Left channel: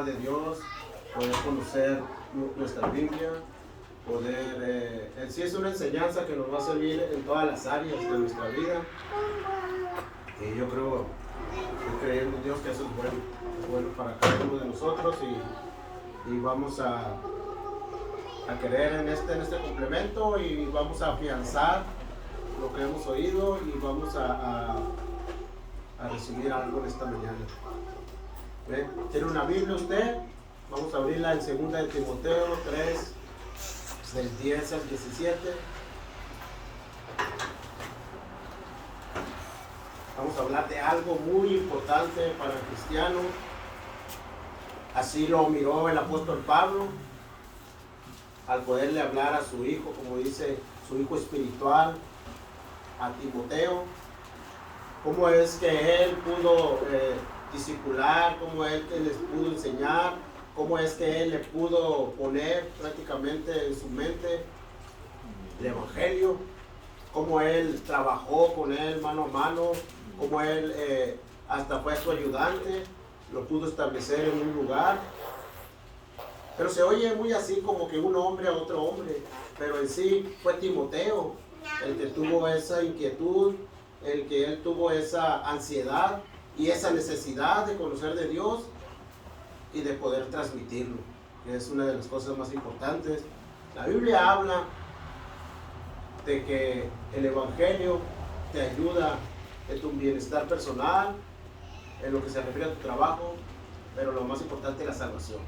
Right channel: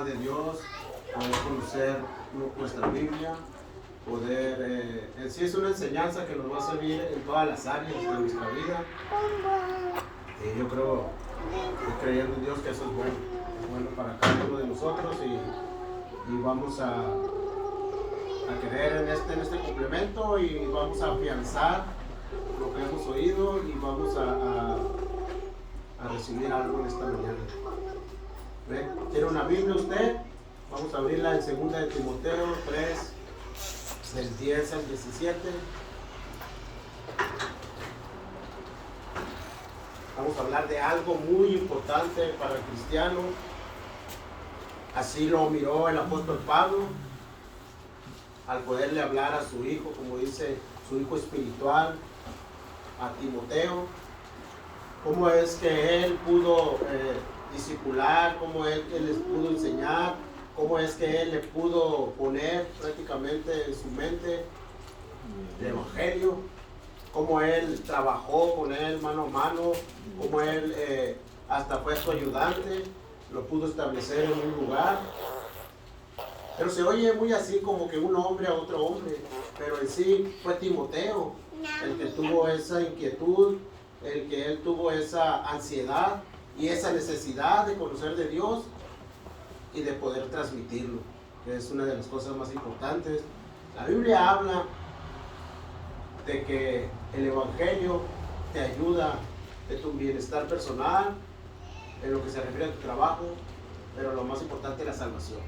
palabra de Dios, poder conocer nuestra Biblia, poder, en sí es una enseñanza que nos va a servir en todas las áreas de nuestra vida. Y yo creo, estoy creyendo en Dios que eso es bueno para cada uno de nosotros y vamos a creer en este complemento y vamos a afianzar lo que hemos oído y vamos a recibir algo en esta mañana. ¿Ve? ¿Tiene una Biblia usted? Vamos a abrirla en 2 de Timoteo 3, del 10 al 17. Vamos a hablar de algo muy importante para el cristiano. Así lo miró el apóstol Pablo al poderle hablar a su hijo, como dice, su hijo espiritual, a Timoteo. Cómo es que él pudo discipular, cómo él les pudo enseñar, cómo es que él le pudo poner prácticamente en su mente el evangelio, cómo él trabajó con él mano a mano, cómo él hasta fue su ayudante, lo pudo establecer en un lugar. Pero se oye muy así como que un hombre a otro hombre, pero en sí fue Timoteo el que tuvo esa inquietud, el que él tuvo esa ansiedad y esa necesidad de conocer de Dios y de poder transmitirlo, que es una de las cosas más importantes. La Biblia habla de que el evangelio te ayuda en tu bienestar personal, en lo que se refiere a tu trabajo, pero lo más importante es la salvación.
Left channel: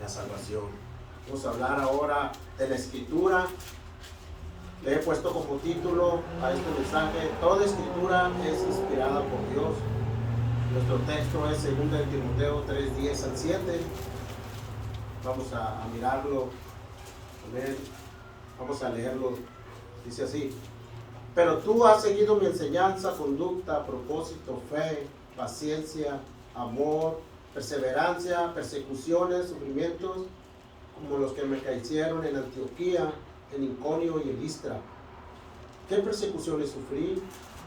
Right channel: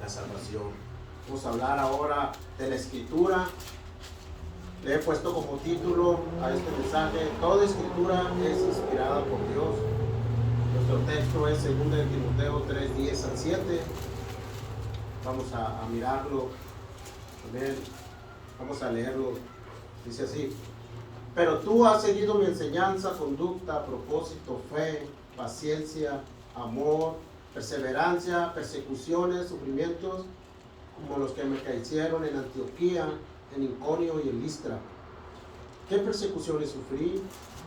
La salvación. Vamos a hablar ahora de la escritura. Le he puesto como título a este mensaje: toda escritura es inspirada por Dios. Nuestro texto es 2 de Timoteo 3, 10 al 7. Vamos a mirarlo. Vamos a leerlo. Dice así: pero tú has seguido mi enseñanza, conducta, propósito, fe, paciencia, amor, perseverancia, persecuciones, sufrimientos, como los que me cayeron en Antioquía, en Iconio y en Listra. ¿Qué persecuciones sufrí?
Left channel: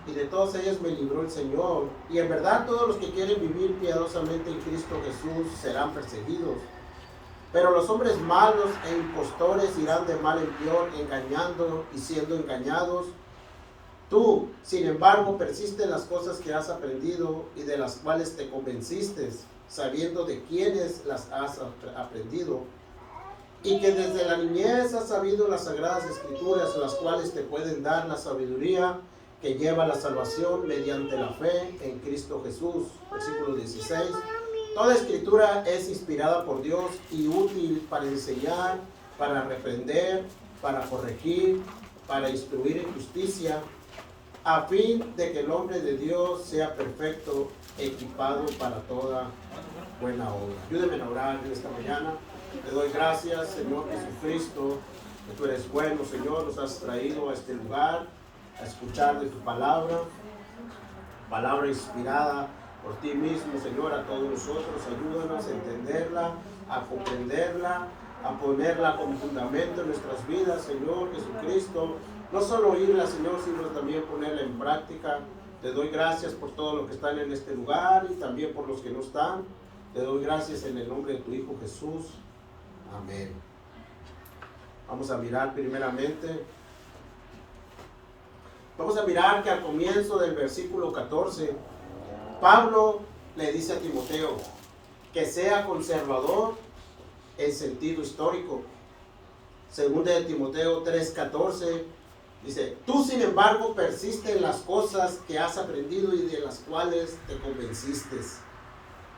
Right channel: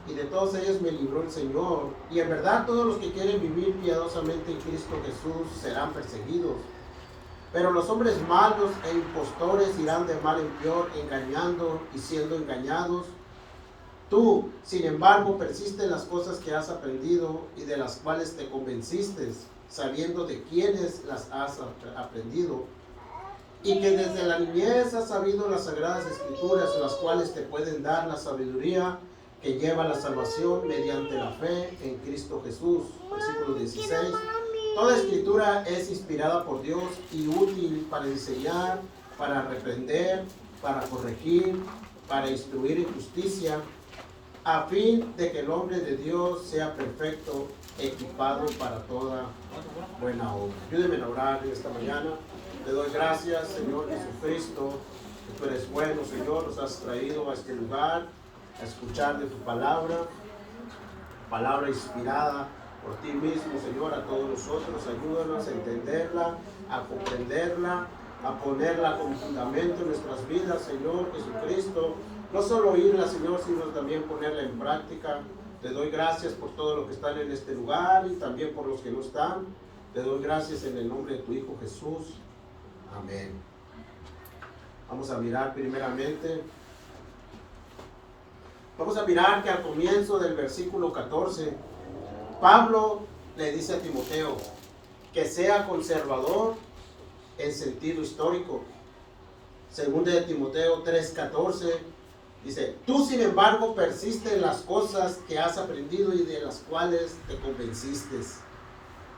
Y de todas ellas me libró el Señor. Y en verdad todos los que quieren vivir piadosamente en Cristo Jesús serán perseguidos. Pero los hombres malos e impostores irán de mal en peor, engañando y siendo engañados. Tú, sin embargo, persiste en las cosas que has aprendido y de las cuales te convenciste, sabiendo de quiénes las has aprendido, y que desde la niñez has sabido las sagradas escrituras, las cuales te pueden dar la sabiduría que lleva a la salvación mediante la fe en Cristo Jesús. Versículo 16. Toda escritura es inspirada por Dios y útil para enseñar, para reprender, para corregir, para instruir en justicia, a fin de que el hombre de Dios sea perfecto, equipado para toda buena obra. Ayúdenme a orar en esta mañana. Te doy gracias, Señor Jesucristo, que tú eres bueno, Señor. Nos has traído a este lugar a escuchar de tu palabra, palabra inspirada por ti mismo, Señor, a todos nosotros. Ayúdanos a entenderla, a comprenderla, a ponerla como fundamento en nuestras vidas, Señor Jesucristo. No solo oírla, Señor, sino también ponerla en práctica. Te doy gracias por todos los que están en este lugar y también por los que no están. Te doy gracias en el nombre de tu Hijo Jesús. Amén. Vamos a mirar primeramente. Vamos a mirar que al comienzo del versículo 14, Pablo le dice a Timoteo que sea conservador en sentido histórico. 2 de Timoteo 3:14 dice: tú sin embargo persiste en las cosas que has aprendido y de las cuales te convenciste.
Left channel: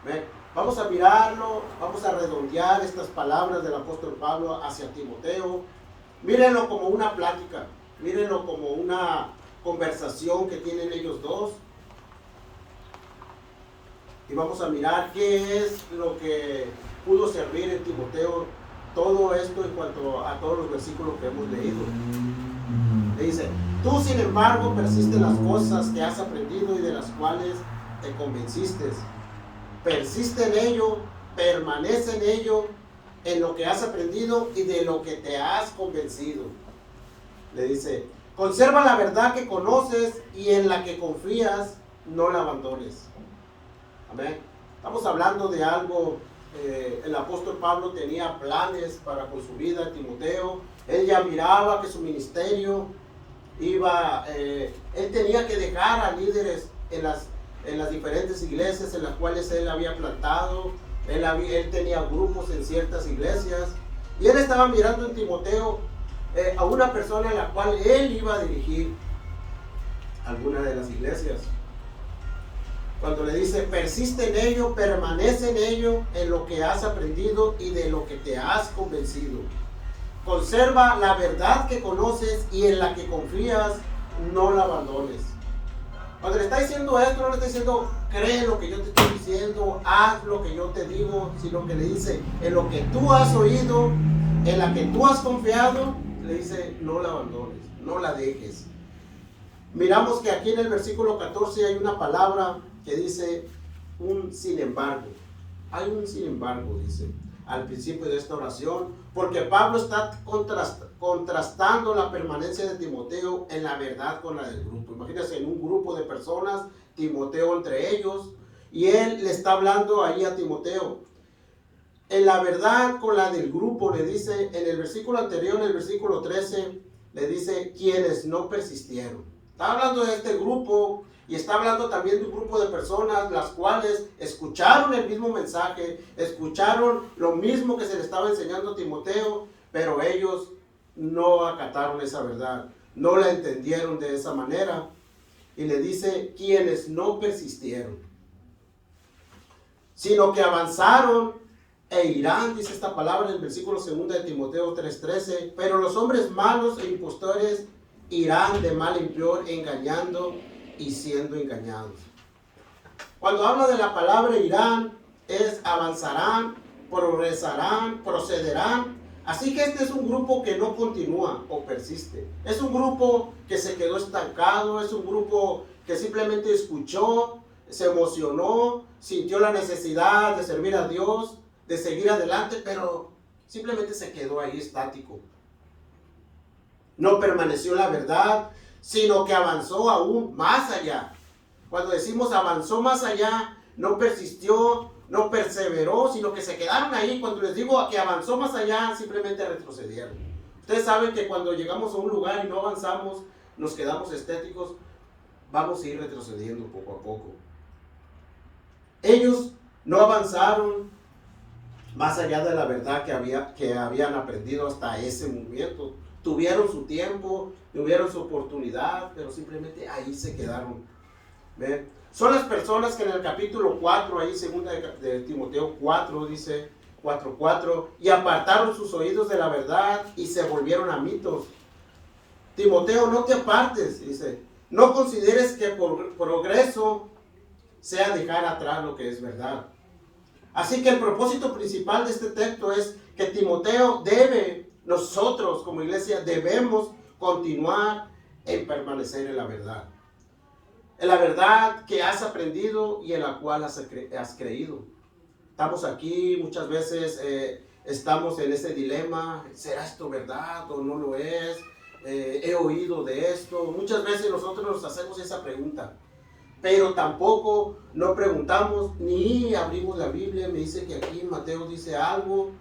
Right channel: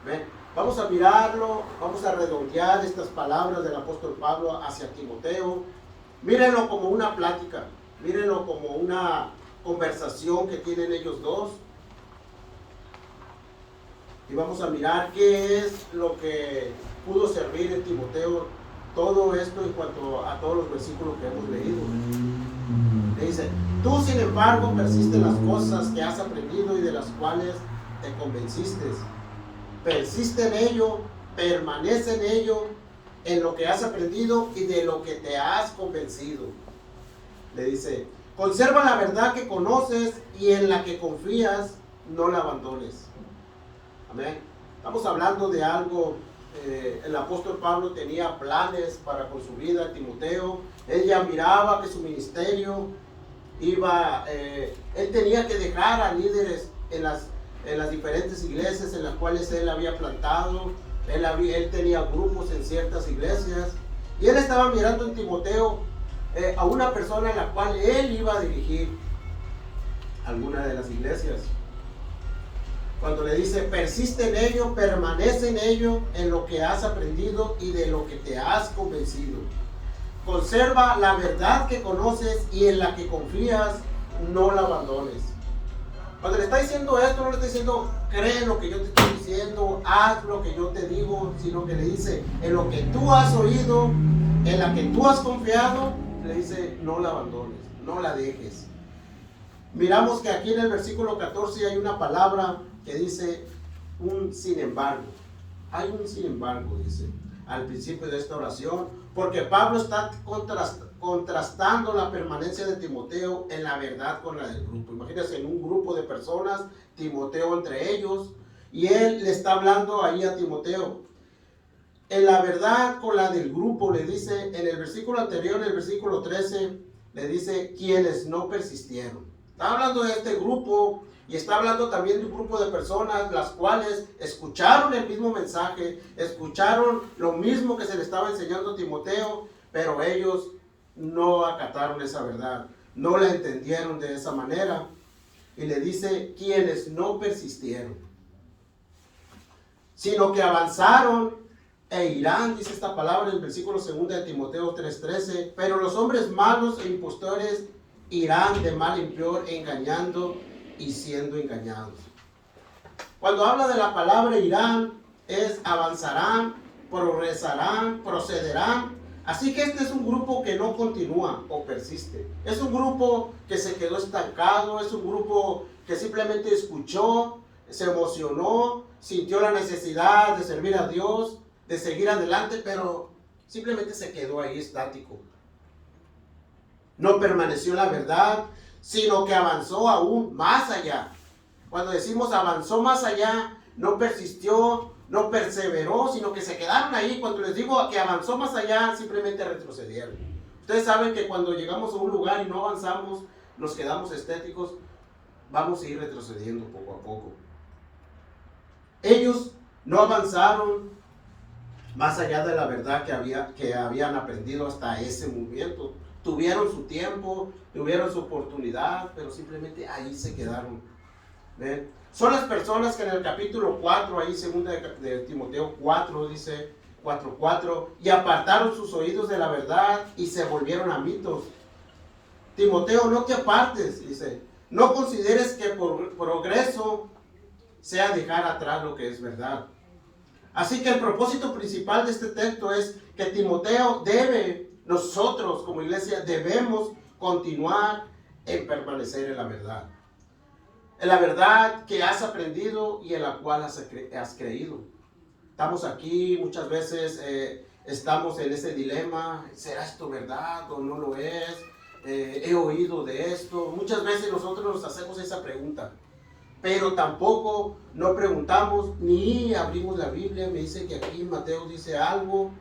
¿Ven? Vamos a mirarlo, vamos a redondear estas palabras del apóstol Pablo hacia Timoteo. Mírenlo como una plática, mírenlo como una conversación que tienen ellos dos. Y vamos a mirar qué es lo que pudo servir en Timoteo todo esto en cuanto a todos los versículos que hemos leído. Le dice: tú sin embargo persiste en las cosas que has aprendido y de las cuales te convenciste. Persiste en ello, permanece en ello, en lo que has aprendido y de lo que te has convencido. Le dice: conserva la verdad que conoces y en la que confías, no la abandones. Amén. Estamos hablando de algo el apóstol Pablo tenía planes para con su vida, Timoteo. Él ya miraba que su ministerio él tenía que dejar a líderes en las diferentes iglesias en las cuales él había plantado. Él tenía grupos en ciertas iglesias y él estaba mirando en Timoteo a una persona a la cual él iba a dirigir alguna de las iglesias. Cuando le dice, persiste en ello, permanece en ello, en lo que has aprendido y de lo que te has convencido. Conserva la verdad que conoces y en la que confías, no la abandones. Cuando le está diciendo esto, no le está diciendo, cree lo que yo te estoy diciendo, haz lo que yo te digo, sino que le dice, en lo que tú has oído, en la que tú has confiado, le dice, no la abandones, no la dejes. Miramos que aquí en el versículo 14 hay una palabra que dice un sin embargo. Hay un sin embargo, dice, al principio de esta oración, porque Pablo está contrastando la permanencia de Timoteo en la verdad con la del grupo. Imagínense, en un grupo de personas, Timoteo entre ellos, y él le está hablando ahí a Timoteo. En la verdad con la del grupo, le dice, en el versículo anterior, en el versículo 13, le dice, quienes no persistieron. Está hablando de este grupo y está hablando también de un grupo de personas las cuales escucharon el mismo mensaje, escucharon lo mismo que se le estaba enseñando a Timoteo, pero ellos no acataron esa verdad, no la entendieron de esa manera. Y le dice, quienes no persistieron, sino que avanzaron e irán, dice esta palabra en el versículo 2 de Timoteo 3:13, pero los hombres malos e impostores irán de mal en peor, engañando y siendo engañados. Cuando habla de la palabra irán, es avanzarán, progresarán, procederán. Así que este es un grupo que no continúa o persiste. Es un grupo que se quedó estancado, es un grupo que simplemente escuchó, se emocionó, sintió la necesidad de servir a Dios, de seguir adelante, pero simplemente se quedó ahí estático. No permaneció en la verdad, sino que avanzó aún más allá. Cuando decimos avanzó más allá, no persistió, no perseveró, sino que se quedaron ahí. Cuando les digo que avanzó más allá, simplemente retrocedieron. Ustedes saben que cuando llegamos a un lugar y no avanzamos, nos quedamos estéticos, vamos a ir retrocediendo poco a poco. Ellos no avanzaron más allá de la verdad que habían aprendido hasta ese momento. Tuvieron su tiempo, tuvieron su oportunidad, pero simplemente ahí se quedaron. ¿Ven? Son las personas que en el capítulo 4, ahí segunda de Timoteo 4, dice 4:4, y apartaron sus oídos de la verdad y se volvieron a mitos. Timoteo, no te apartes, dice, no consideres que por progreso sea dejar atrás lo que es verdad. Así que el propósito principal de este texto es que Timoteo nosotros como iglesia debemos continuar en permanecer en la verdad. En la verdad que has aprendido y en la cual has creído. Estamos aquí, muchas veces estamos en ese dilema, ¿será esto verdad o no lo es? He oído de esto. Muchas veces nosotros nos hacemos esa pregunta, pero tampoco no preguntamos ni abrimos la Biblia. Me dice que aquí Mateo dice algo,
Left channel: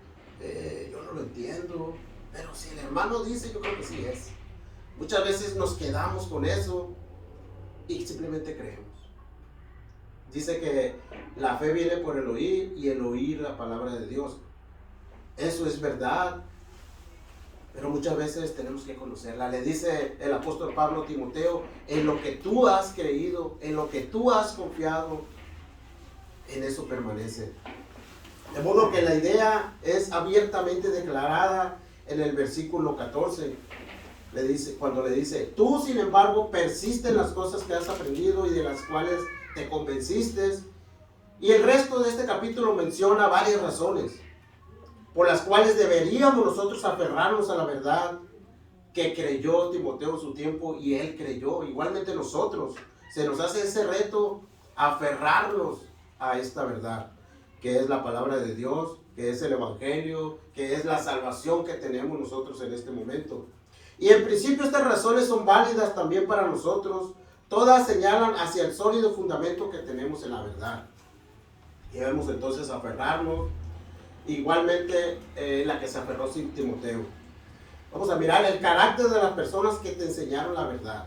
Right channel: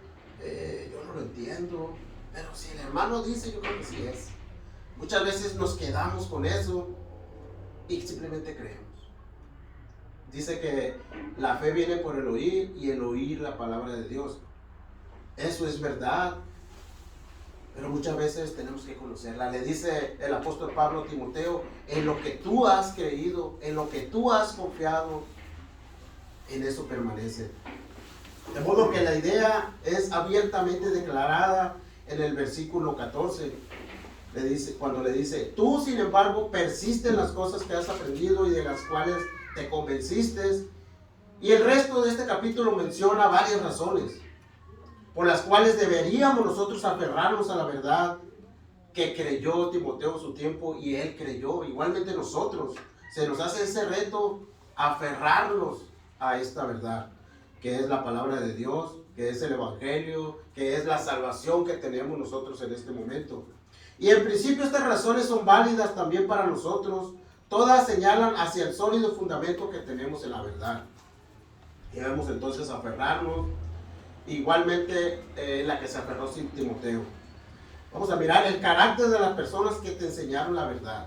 yo no lo entiendo, pero si el hermano dice, yo creo que sí es. Muchas veces nos quedamos con eso y simplemente creemos. Dice que la fe viene por el oír y el oír la palabra de Dios. Eso es verdad, pero muchas veces tenemos que conocerla. Le dice el apóstol Pablo a Timoteo, en lo que tú has creído, en lo que tú has confiado, en eso permanece. De modo que la idea es abiertamente declarada en el versículo 14. Cuando le dice, tú sin embargo persiste en las cosas que has aprendido y de las cuales te convenciste. Y el resto de este capítulo menciona varias razones por las cuales deberíamos nosotros aferrarnos a la verdad que creyó Timoteo en su tiempo y él creyó. Igualmente nosotros, se nos hace ese reto aferrarnos a esta verdad, que es la palabra de Dios, que es el evangelio, que es la salvación que tenemos nosotros en este momento. Y en principio estas razones son válidas también para nosotros. Todas señalan hacia el sólido fundamento que tenemos en la verdad. Debemos entonces aferrarnos. igualmente la que se aferró sin Timoteo. Vamos a mirar el carácter de las personas que te enseñaron la verdad.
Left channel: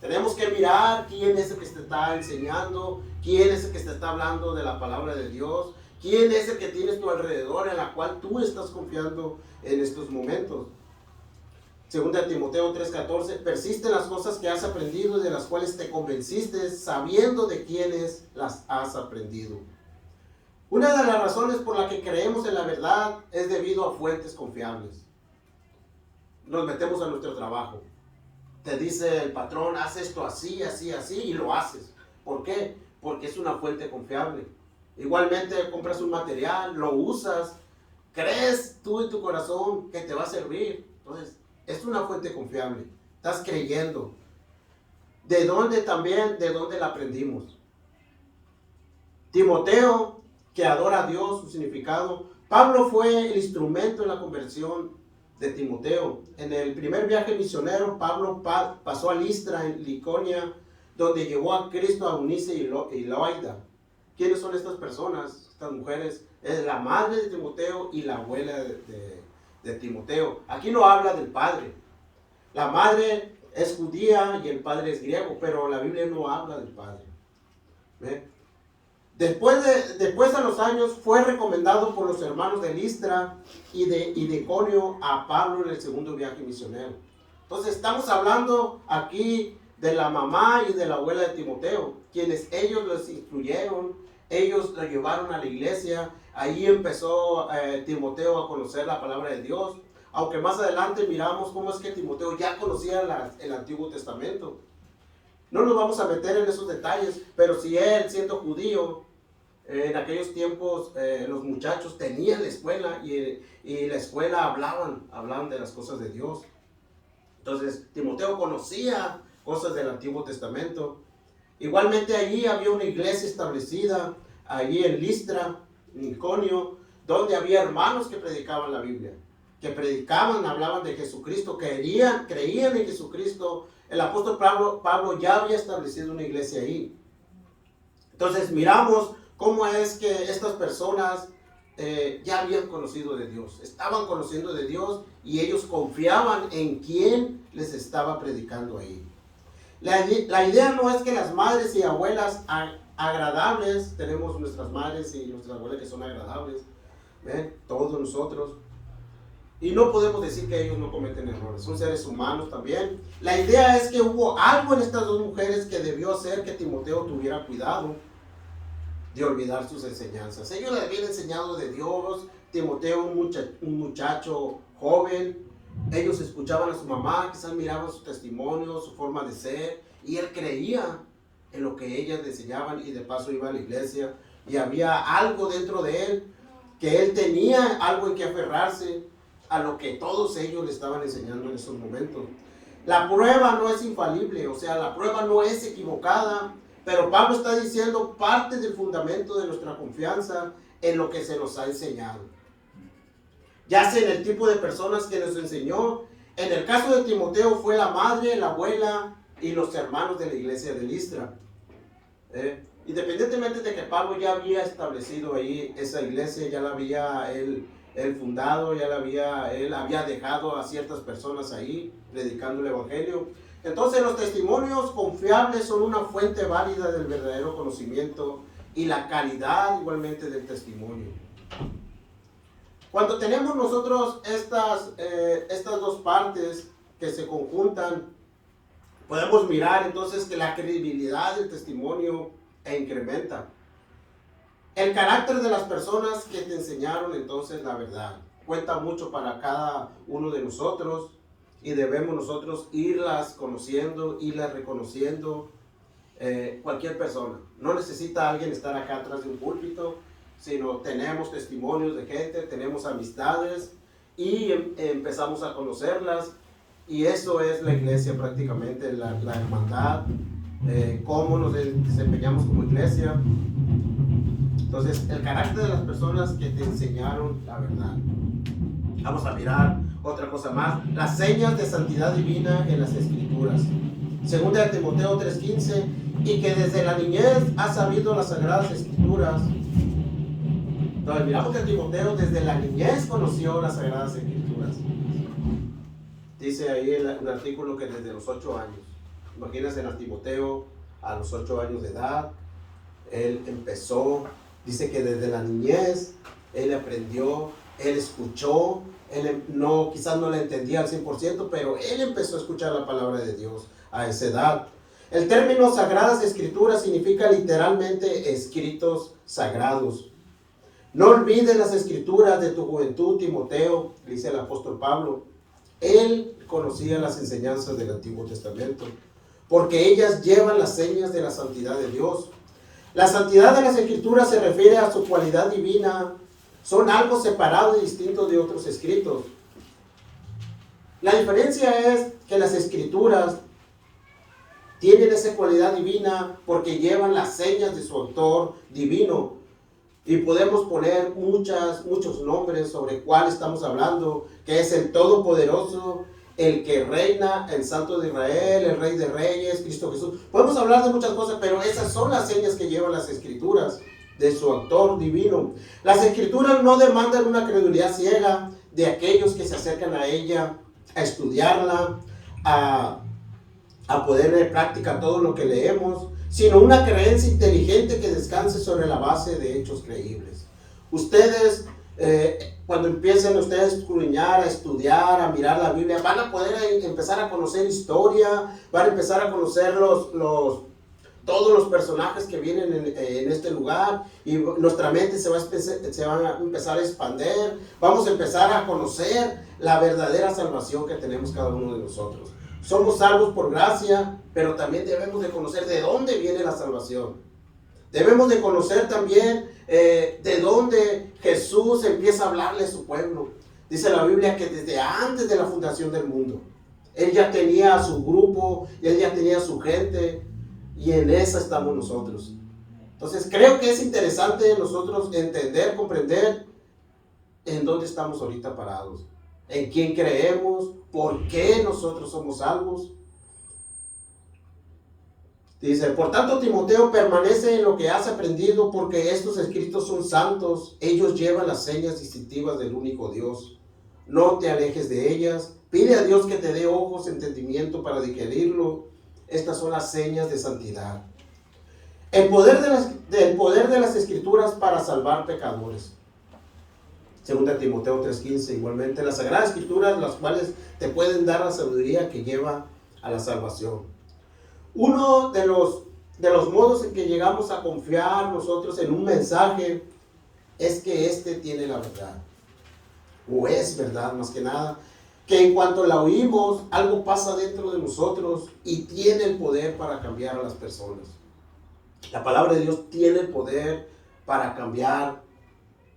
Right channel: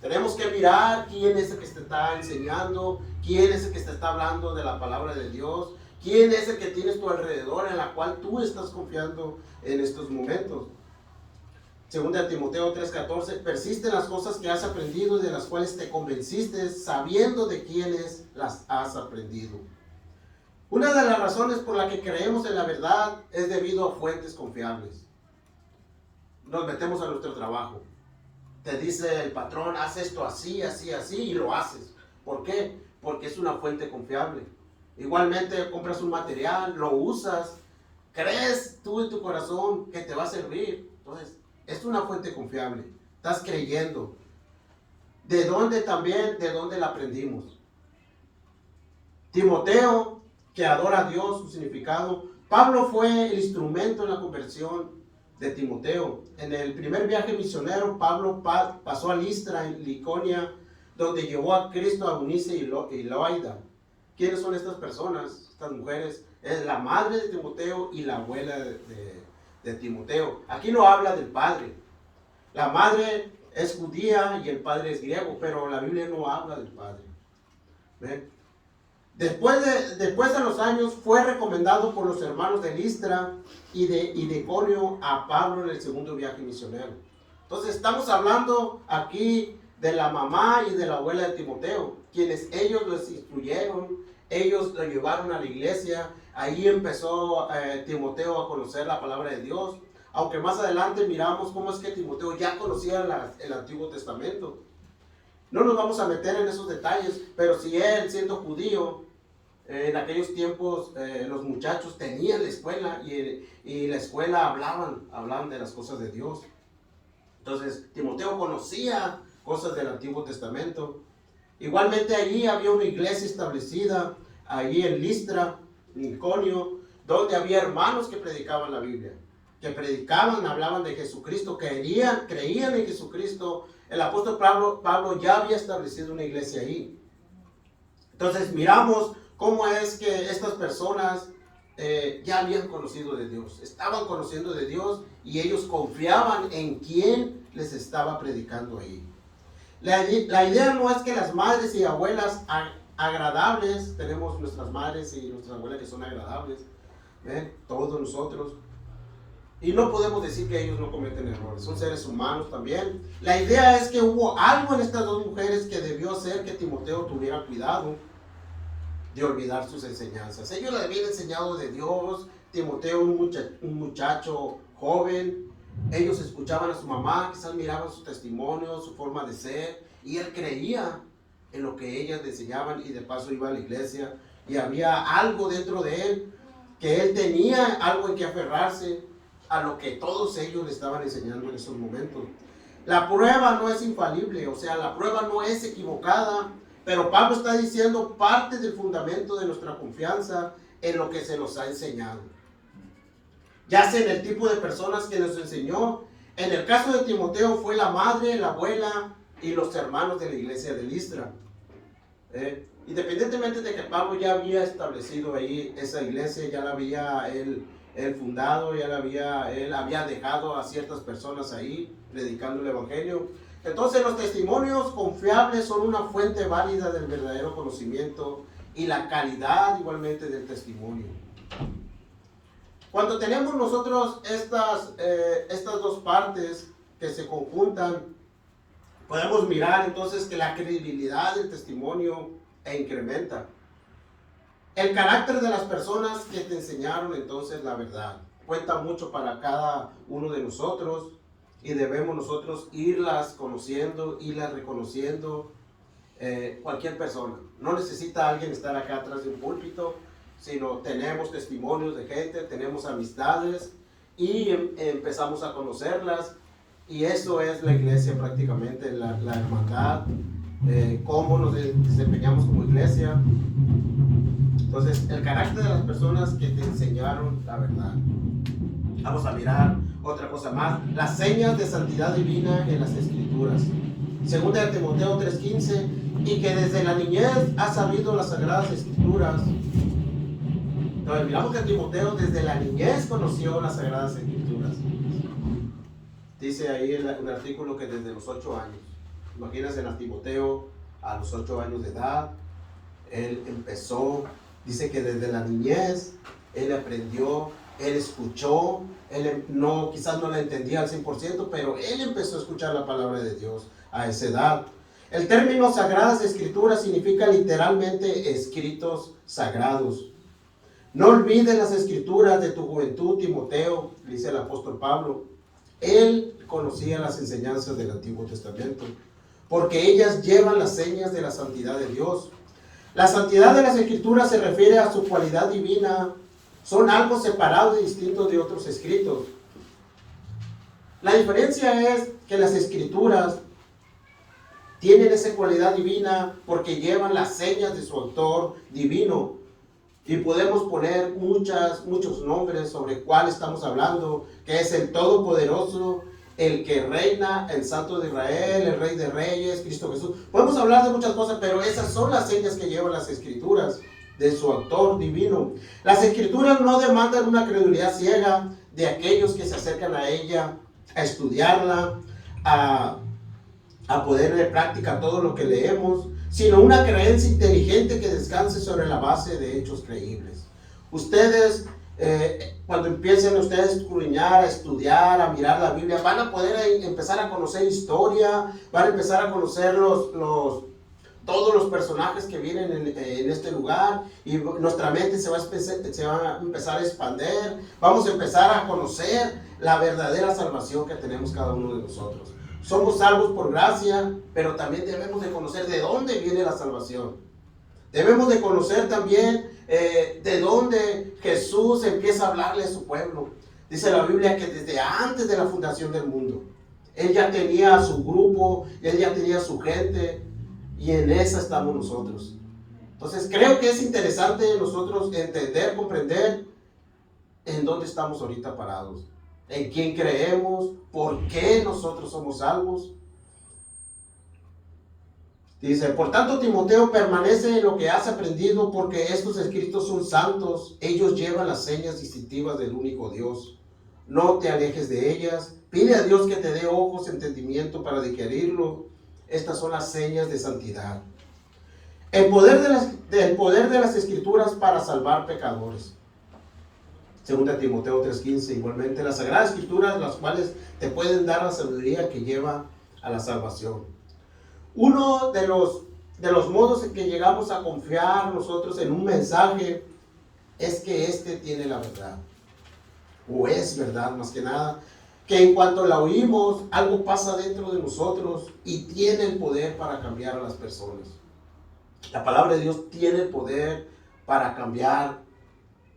Tenemos que mirar quién es el que te está enseñando, quién es el que te está hablando de la palabra de Dios, quién es el que tienes a tu alrededor en la cual tú estás confiando en estos momentos. Segunda Timoteo 3:14, persiste en las cosas que has aprendido y de las cuales te convenciste, sabiendo de quiénes las has aprendido. Una de las razones por la que creemos en la verdad es debido a fuentes confiables. Nos metemos a nuestro trabajo. Te dice el patrón, haz esto así, así, así, y lo haces. ¿Por qué? Porque es una fuente confiable. Igualmente compras un material, lo usas, crees tú en tu corazón que te va a servir. Entonces, es una fuente confiable. Estás creyendo. ¿De dónde también? ¿De dónde la aprendimos? Timoteo, que adora a Dios, su significado. Pablo fue el instrumento en la conversión de Timoteo. En el primer viaje misionero, Pablo pasó a Listra, en Liconia, donde llevó a Cristo a Eunice y Loida. ¿Quiénes son estas personas? Estas mujeres. Es la madre de Timoteo y la abuela de Timoteo. Aquí no habla del padre. La madre es judía y el padre es griego, pero la Biblia no habla del padre. ¿Ve? Después a los años fue recomendado por los hermanos de Listra y de Iconio a Pablo en el segundo viaje misionero. Entonces estamos hablando aquí de la mamá y de la abuela de Timoteo, quienes ellos los instruyeron, ellos lo llevaron a la iglesia. Ahí empezó Timoteo a conocer la palabra de Dios, aunque más adelante miramos cómo es que Timoteo ya conocía el Antiguo Testamento. No nos vamos a meter en esos detalles, pero si él, siendo judío, en aquellos tiempos los muchachos tenían la escuela y la escuela hablaban de las cosas de Dios. Entonces Timoteo conocía cosas del Antiguo Testamento. Igualmente allí había una iglesia establecida, allí en Listra, en Iconio, donde había hermanos que predicaban la Biblia, que predicaban, hablaban de Jesucristo, creían en Jesucristo. El apóstol Pablo ya había establecido una iglesia ahí. Entonces miramos cómo es que estas personas ya habían conocido de Dios, estaban conociendo de Dios y ellos confiaban en quien les estaba predicando ahí. La idea no es que las madres y abuelas agradables, tenemos nuestras madres y nuestras abuelas que son agradables, ¿ven? Todos nosotros. Y no podemos decir que ellos no cometen errores, son seres humanos también. La idea es que hubo algo en estas dos mujeres que debió hacer que Timoteo tuviera cuidado de olvidar sus enseñanzas. Ellos le habían enseñado de Dios. Timoteo, un muchacho joven, ellos escuchaban a su mamá, quizás miraban su testimonio, su forma de ser, y él creía en lo que ellas le enseñaban y de paso iba a la iglesia, y había algo dentro de él, que él tenía algo en que aferrarse a lo que todos ellos le estaban enseñando en esos momentos. La prueba no es infalible, o sea, la prueba no es equivocada, pero Pablo está diciendo parte del fundamento de nuestra confianza en lo que se nos ha enseñado. Ya sea en el tipo de personas que nos enseñó. En el caso de Timoteo fue la madre, la abuela y los hermanos de la iglesia de Listra. Independientemente de que Pablo ya había establecido ahí esa iglesia, ya la había él fundado, él había dejado a ciertas personas ahí predicando el evangelio. Entonces los testimonios confiables son una fuente válida del verdadero conocimiento y la calidad igualmente del testimonio. Cuando tenemos nosotros estas dos partes que se conjuntan, podemos mirar entonces que la credibilidad del testimonio incrementa. El carácter de las personas que te enseñaron entonces la verdad cuenta mucho para cada uno de nosotros. Y debemos nosotros irlas conociendo, irlas reconociendo. Cualquier persona. No necesita alguien estar acá atrás de un púlpito, sino tenemos testimonios de gente, tenemos amistades y empezamos a conocerlas. Y eso es la iglesia prácticamente, la hermandad, cómo nos desempeñamos como iglesia. Entonces, el carácter de las personas que te enseñaron la verdad. Vamos a mirar otra cosa más, las señas de santidad divina en las Escrituras. Segunda de Timoteo 3:15, y que desde la niñez ha sabido las Sagradas Escrituras. Entonces miramos que Timoteo desde la niñez conoció las Sagradas Escrituras. Dice ahí un artículo que desde los 8 años. Imagínense a Timoteo a los 8 años de edad. Él empezó, dice que desde la niñez, él aprendió, él escuchó, quizás no la entendía al 100%, pero él empezó a escuchar la palabra de Dios a esa edad. El término Sagradas Escrituras significa literalmente escritos sagrados. No olvides las escrituras de tu juventud, Timoteo, dice el apóstol Pablo. Él conocía las enseñanzas del Antiguo Testamento, porque ellas llevan las señas de la santidad de Dios. La santidad de las Escrituras se refiere a su cualidad divina. Son algo separado y distinto de otros escritos. La diferencia es que las Escrituras tienen esa cualidad divina porque llevan las señas de su autor divino. Y podemos poner muchos nombres sobre cuál estamos hablando, que es el Todopoderoso, el que reina, el Santo de Israel, el Rey de Reyes, Cristo Jesús. Podemos hablar de muchas cosas, pero esas son las señas que llevan las Escrituras de su autor divino. Las Escrituras no demandan una credulidad ciega de aquellos que se acercan a ella, a estudiarla, a poder en práctica todo lo que leemos, sino una creencia inteligente que descanse sobre la base de hechos creíbles. Ustedes, cuando empiecen ustedes a escudriñar, a estudiar, a mirar la Biblia, van a poder empezar a conocer historia, van a empezar a conocer todos los personajes que vienen en este lugar, y nuestra mente se va a empezar a expandir. Vamos a empezar a conocer la verdadera salvación que tenemos cada uno de nosotros. Somos salvos por gracia, pero también debemos de conocer de dónde viene la salvación. Debemos de conocer también de dónde Jesús empieza a hablarle a su pueblo. Dice la Biblia que desde antes de la fundación del mundo, Él ya tenía a su grupo, Él ya tenía a su gente, y en esa estamos nosotros. Entonces creo que es interesante nosotros entender, comprender en dónde estamos ahorita parados, en quién creemos, por qué nosotros somos salvos. Dice, por tanto, Timoteo, permanece en lo que has aprendido, porque estos escritos son santos. Ellos llevan las señas distintivas del único Dios. No te alejes de ellas. Pide a Dios que te dé ojos, entendimiento para digerirlo. Estas son las señas de santidad. El poder de las Escrituras para salvar pecadores. Segunda Timoteo 3:15, igualmente las Sagradas Escrituras, las cuales te pueden dar la sabiduría que lleva a la salvación. Uno de los modos en que llegamos a confiar nosotros en un mensaje es que éste tiene la verdad, o es verdad más que nada, que en cuanto la oímos, algo pasa dentro de nosotros y tiene el poder para cambiar a las personas. La palabra de Dios tiene el poder para cambiar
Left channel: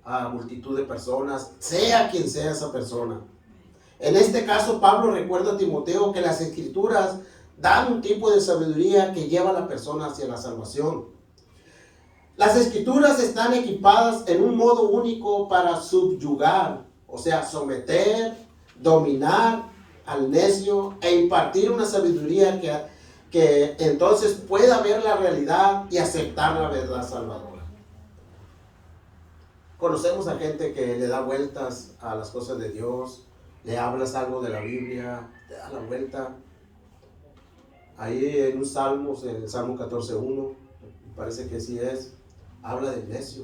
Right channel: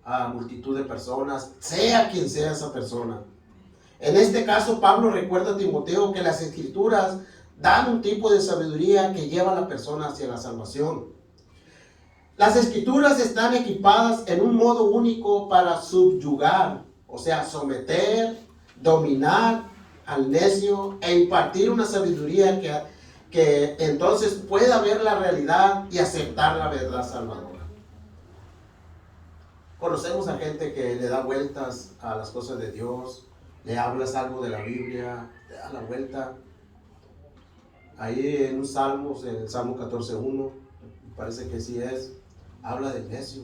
a multitud de personas, sea quien sea esa persona. En este caso, Pablo recuerda a Timoteo que las Escrituras dan un tipo de sabiduría que lleva a la persona hacia la salvación. Las Escrituras están equipadas en un modo único para subyugar, o sea, someter, dominar al necio e impartir una sabiduría que entonces pueda ver la realidad y aceptar la verdad salvadora. Conocemos a gente que le da vueltas a las cosas de Dios, le hablas algo de la Biblia, te da la vuelta. Ahí en un salmo, el Salmo 14:1, parece que sí es, habla del necio.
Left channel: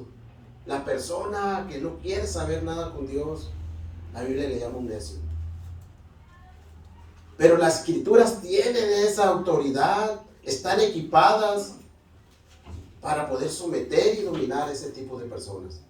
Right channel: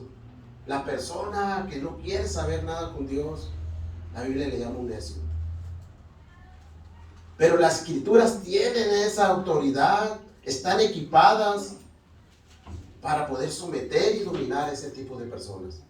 La persona que no quiere saber nada con Dios, la Biblia le llama un necio. Pero las Escrituras tienen esa autoridad, están equipadas para poder someter y dominar a ese tipo de personas.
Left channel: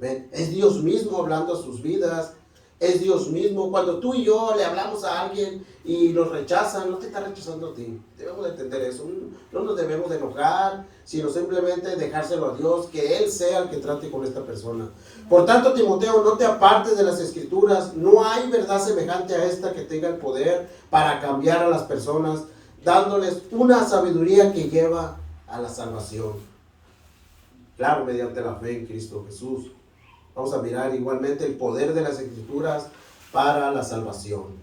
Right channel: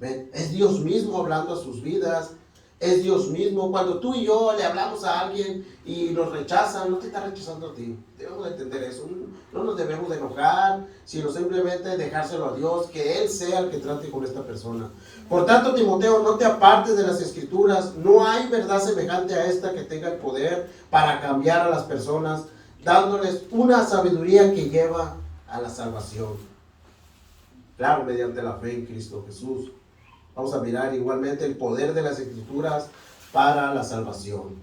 ¿Ven? Es Dios mismo hablando a sus vidas. Es Dios mismo. Cuando tú y yo le hablamos a alguien y nos rechazan, no te está rechazando a ti. Debemos de entender eso. No nos debemos de enojar, sino simplemente dejárselo a Dios, que Él sea el que trate con esta persona. Por tanto, Timoteo, no te apartes de las Escrituras. No hay verdad semejante a esta que tenga el poder para cambiar a las personas, dándoles una sabiduría que lleva a la salvación. Claro, mediante la fe en Cristo Jesús. Vamos a mirar igualmente el poder de las Escrituras para la salvación.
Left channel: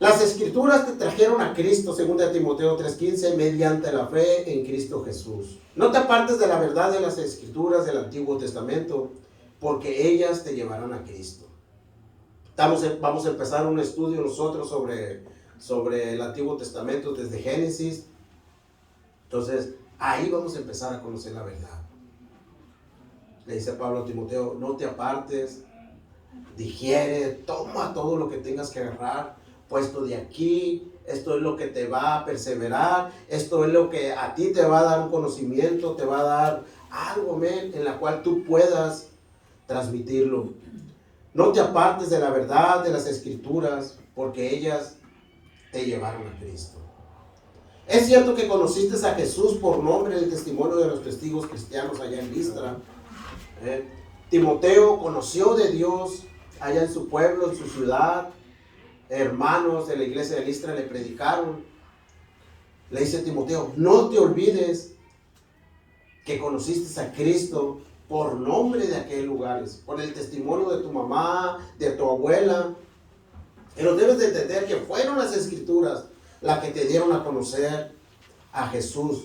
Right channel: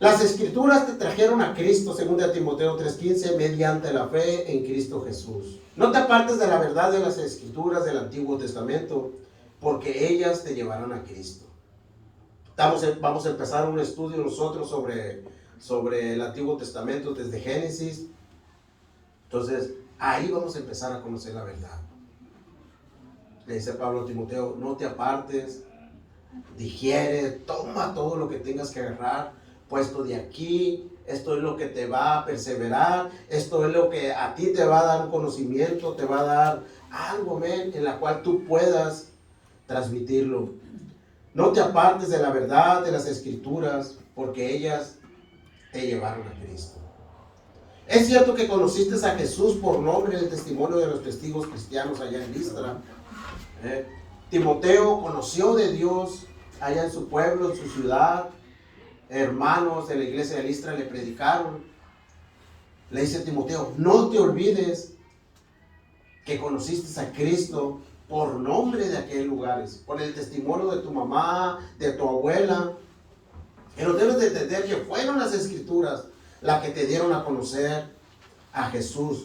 Las escrituras te trajeron a Cristo, según de Timoteo 3:15, mediante la fe en Cristo Jesús. No te apartes de la verdad de las escrituras del Antiguo Testamento, porque ellas te llevarán a Cristo. Vamos a empezar un estudio nosotros sobre el Antiguo Testamento desde Génesis. Entonces, ahí vamos a empezar a conocer la verdad. Le dice Pablo a Timoteo, no te apartes, digiere, toma todo lo que tengas que agarrar, puesto de aquí, esto es lo que te va a perseverar, esto es lo que a ti te va a dar un conocimiento, te va a dar algo, en la cual tú puedas transmitirlo. No te apartes de la verdad de las escrituras, porque ellas te llevaron a Cristo. Es cierto que conociste a Jesús por nombre, el testimonio de los testigos cristianos allá en Listra. Timoteo conoció de Dios allá en su pueblo, en su ciudad. Hermanos de la iglesia de Listra le predicaron. Le dice a Timoteo, no te olvides que conociste a Cristo por nombre de aquellos lugares, por el testimonio de tu mamá, de tu abuela. Pero debes de entender que fueron las escrituras las que te dieron a conocer a Jesús,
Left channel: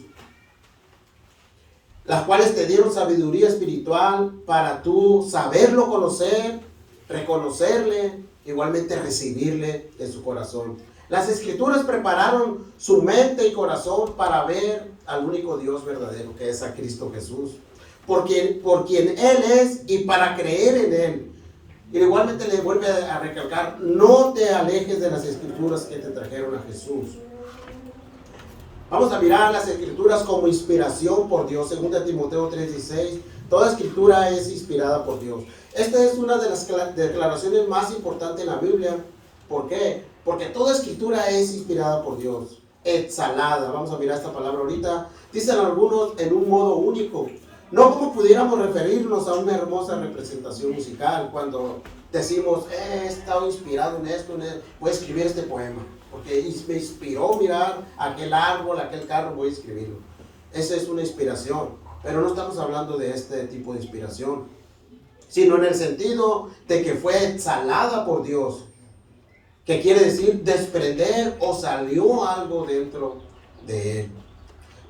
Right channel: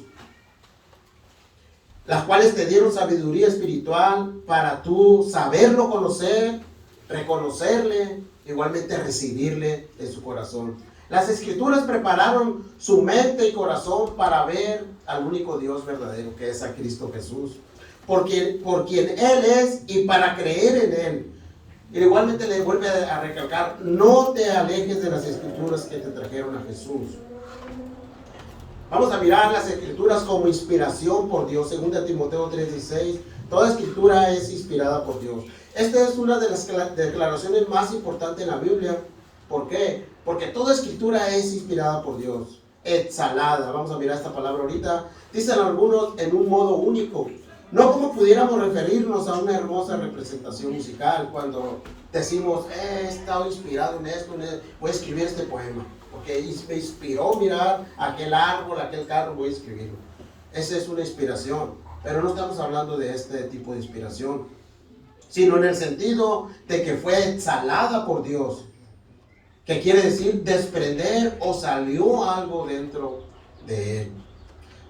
las cuales te dieron sabiduría espiritual para tú saberlo conocer, reconocerle, igualmente recibirle en su corazón. Las escrituras prepararon su mente y corazón para ver al único Dios verdadero, que es a Cristo Jesús, por quien Él es, y para creer en Él. Y igualmente le vuelve a recalcar, no te alejes de las escrituras que te trajeron a Jesús. Vamos a mirar las escrituras como inspiración por Dios, según de Timoteo 3:16. Toda escritura es inspirada por Dios. Esta es una de las declaraciones más importantes en la Biblia. ¿Por qué? Porque toda escritura es inspirada por Dios. Exhalada. Vamos a mirar esta palabra ahorita. Dicen algunos en un modo único. No como pudiéramos referirnos a una hermosa representación musical cuando decimos, he estado inspirado en esto, voy a escribir este poema, porque me inspiró mirar aquel árbol, aquel carro, voy a escribirlo. Esa es una inspiración, pero no estamos hablando de este tipo de inspiración, sino en el sentido de que fue exhalada por Dios, que quiere decir desprender o salió algo dentro de él.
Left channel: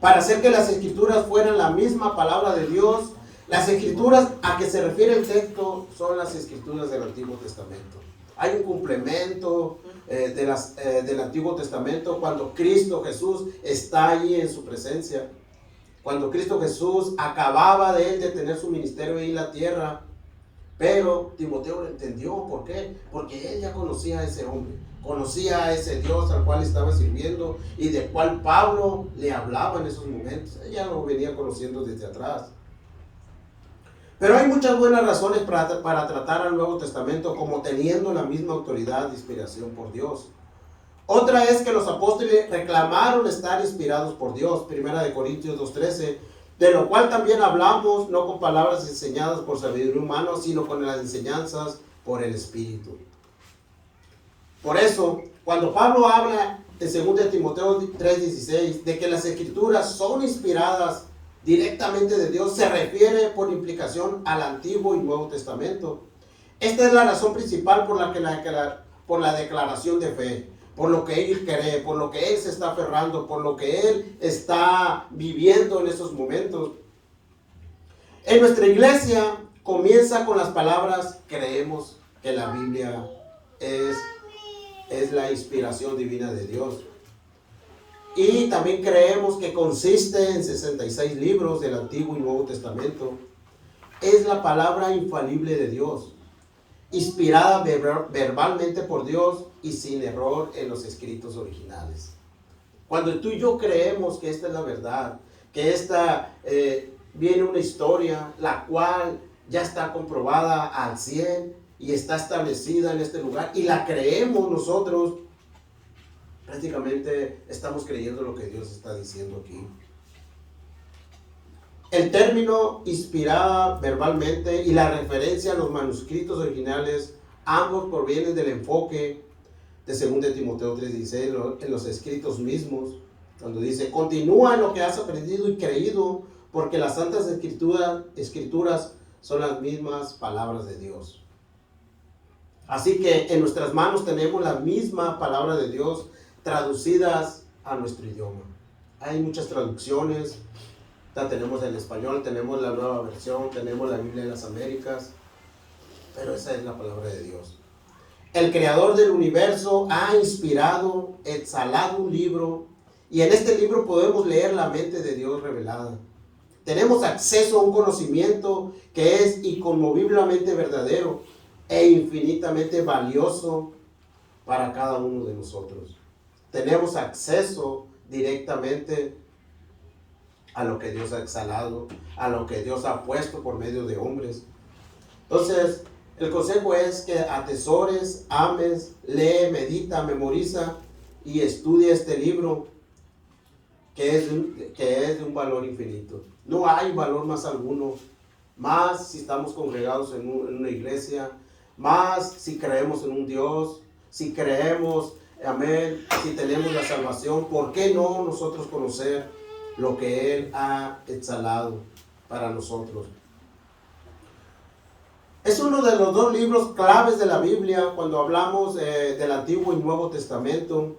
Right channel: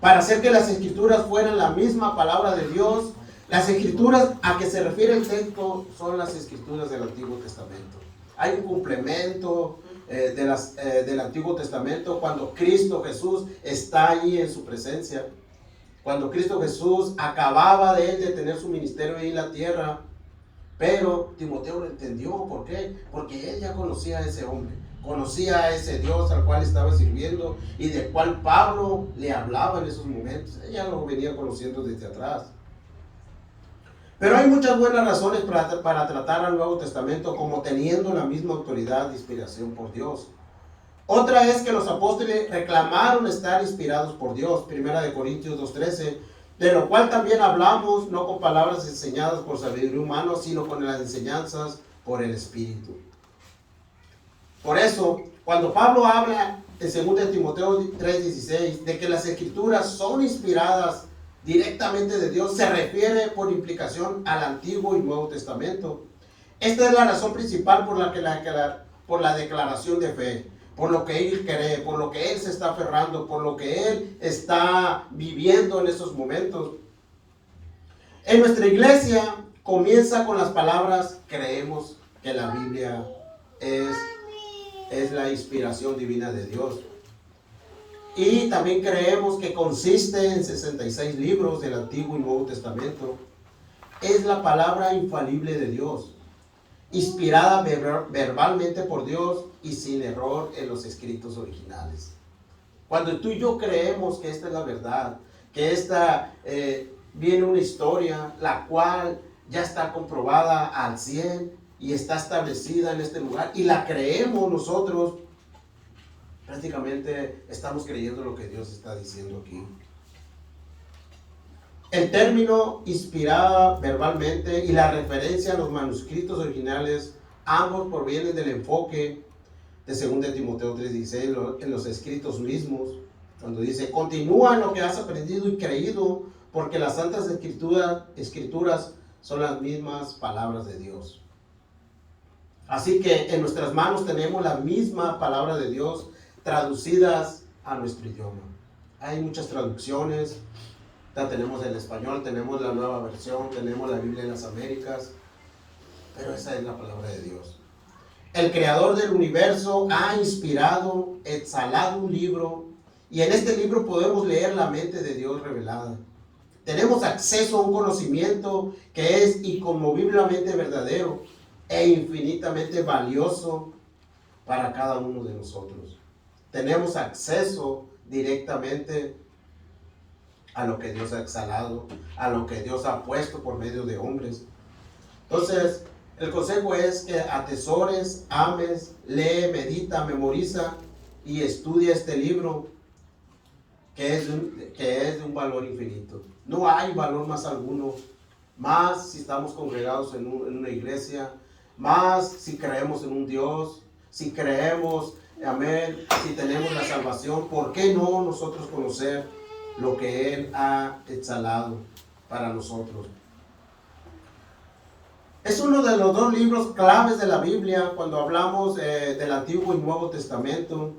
Para hacer que las escrituras fueran la misma palabra de Dios, las escrituras a que se refiere el texto son las escrituras del Antiguo Testamento. Hay un complemento del Antiguo Testamento cuando Cristo Jesús está ahí en su presencia. Cuando Cristo Jesús acababa de tener su ministerio ahí en la tierra. Pero Timoteo lo entendió. ¿Por qué? Porque él ya conocía a ese hombre, conocía a ese Dios al cual estaba sirviendo y del cual Pablo le hablaba en esos momentos. Ella lo venía conociendo desde atrás. Pero hay muchas buenas razones para tratar al Nuevo Testamento como teniendo la misma autoridad de inspiración por Dios. Otra es que los apóstoles reclamaron estar inspirados por Dios. 1 Corintios 2:13. De lo cual también hablamos, no con palabras enseñadas por sabiduría humana, sino con las enseñanzas por el Espíritu. Por eso, cuando Pablo habla en 2 Timoteo 3:16 de que las escrituras son inspiradas directamente de Dios, se refiere por implicación al Antiguo y Nuevo Testamento. Esta es la razón principal por la declaración de fe, por lo que él cree, por lo que él se está aferrando, por lo que él está viviendo en esos momentos. En nuestra iglesia comienza con las palabras, creemos que la Biblia es la inspiración divina de Dios. Y también creemos que consiste en 66 libros del Antiguo y Nuevo Testamento. Es la palabra infalible de Dios, inspirada verbalmente por Dios y sin error en los escritos originales. Cuando tú y yo creemos que esta es la verdad, que esta viene una historia la cual ya está comprobada al 100 y está establecida en este lugar y la creemos nosotros, prácticamente estamos creyendo lo que Dios está diciendo aquí. El término inspirada verbalmente y la referencia a los manuscritos originales, ambos provienen del enfoque de 2 Timoteo 3:16 en los escritos mismos, cuando dice, continúa en lo que has aprendido y creído, porque las santas escrituras son las mismas palabras de Dios. Así que en nuestras manos tenemos la misma palabra de Dios traducidas a nuestro idioma. Hay muchas traducciones. Ya tenemos el español, tenemos la nueva versión, tenemos la Biblia de las Américas, pero esa es la palabra de Dios. El creador del universo ha inspirado, exhalado un libro, y en este libro podemos leer la mente de Dios revelada. Tenemos acceso a un conocimiento que es inconmoviblemente verdadero e infinitamente valioso para cada uno de nosotros. Tenemos acceso directamente a lo que Dios ha exhalado, a lo que Dios ha puesto por medio de hombres. Entonces, el consejo es que atesores, ames, lee, medita, memoriza y estudia este libro que es de un valor infinito. No hay valor más alguno, más si estamos congregados en una iglesia, más si creemos en un Dios, si creemos, amén, si tenemos la salvación. ¿Por qué no nosotros conocer lo que Él ha exhalado para nosotros? Es uno de los dos libros claves de la Biblia cuando hablamos del Antiguo y Nuevo Testamento.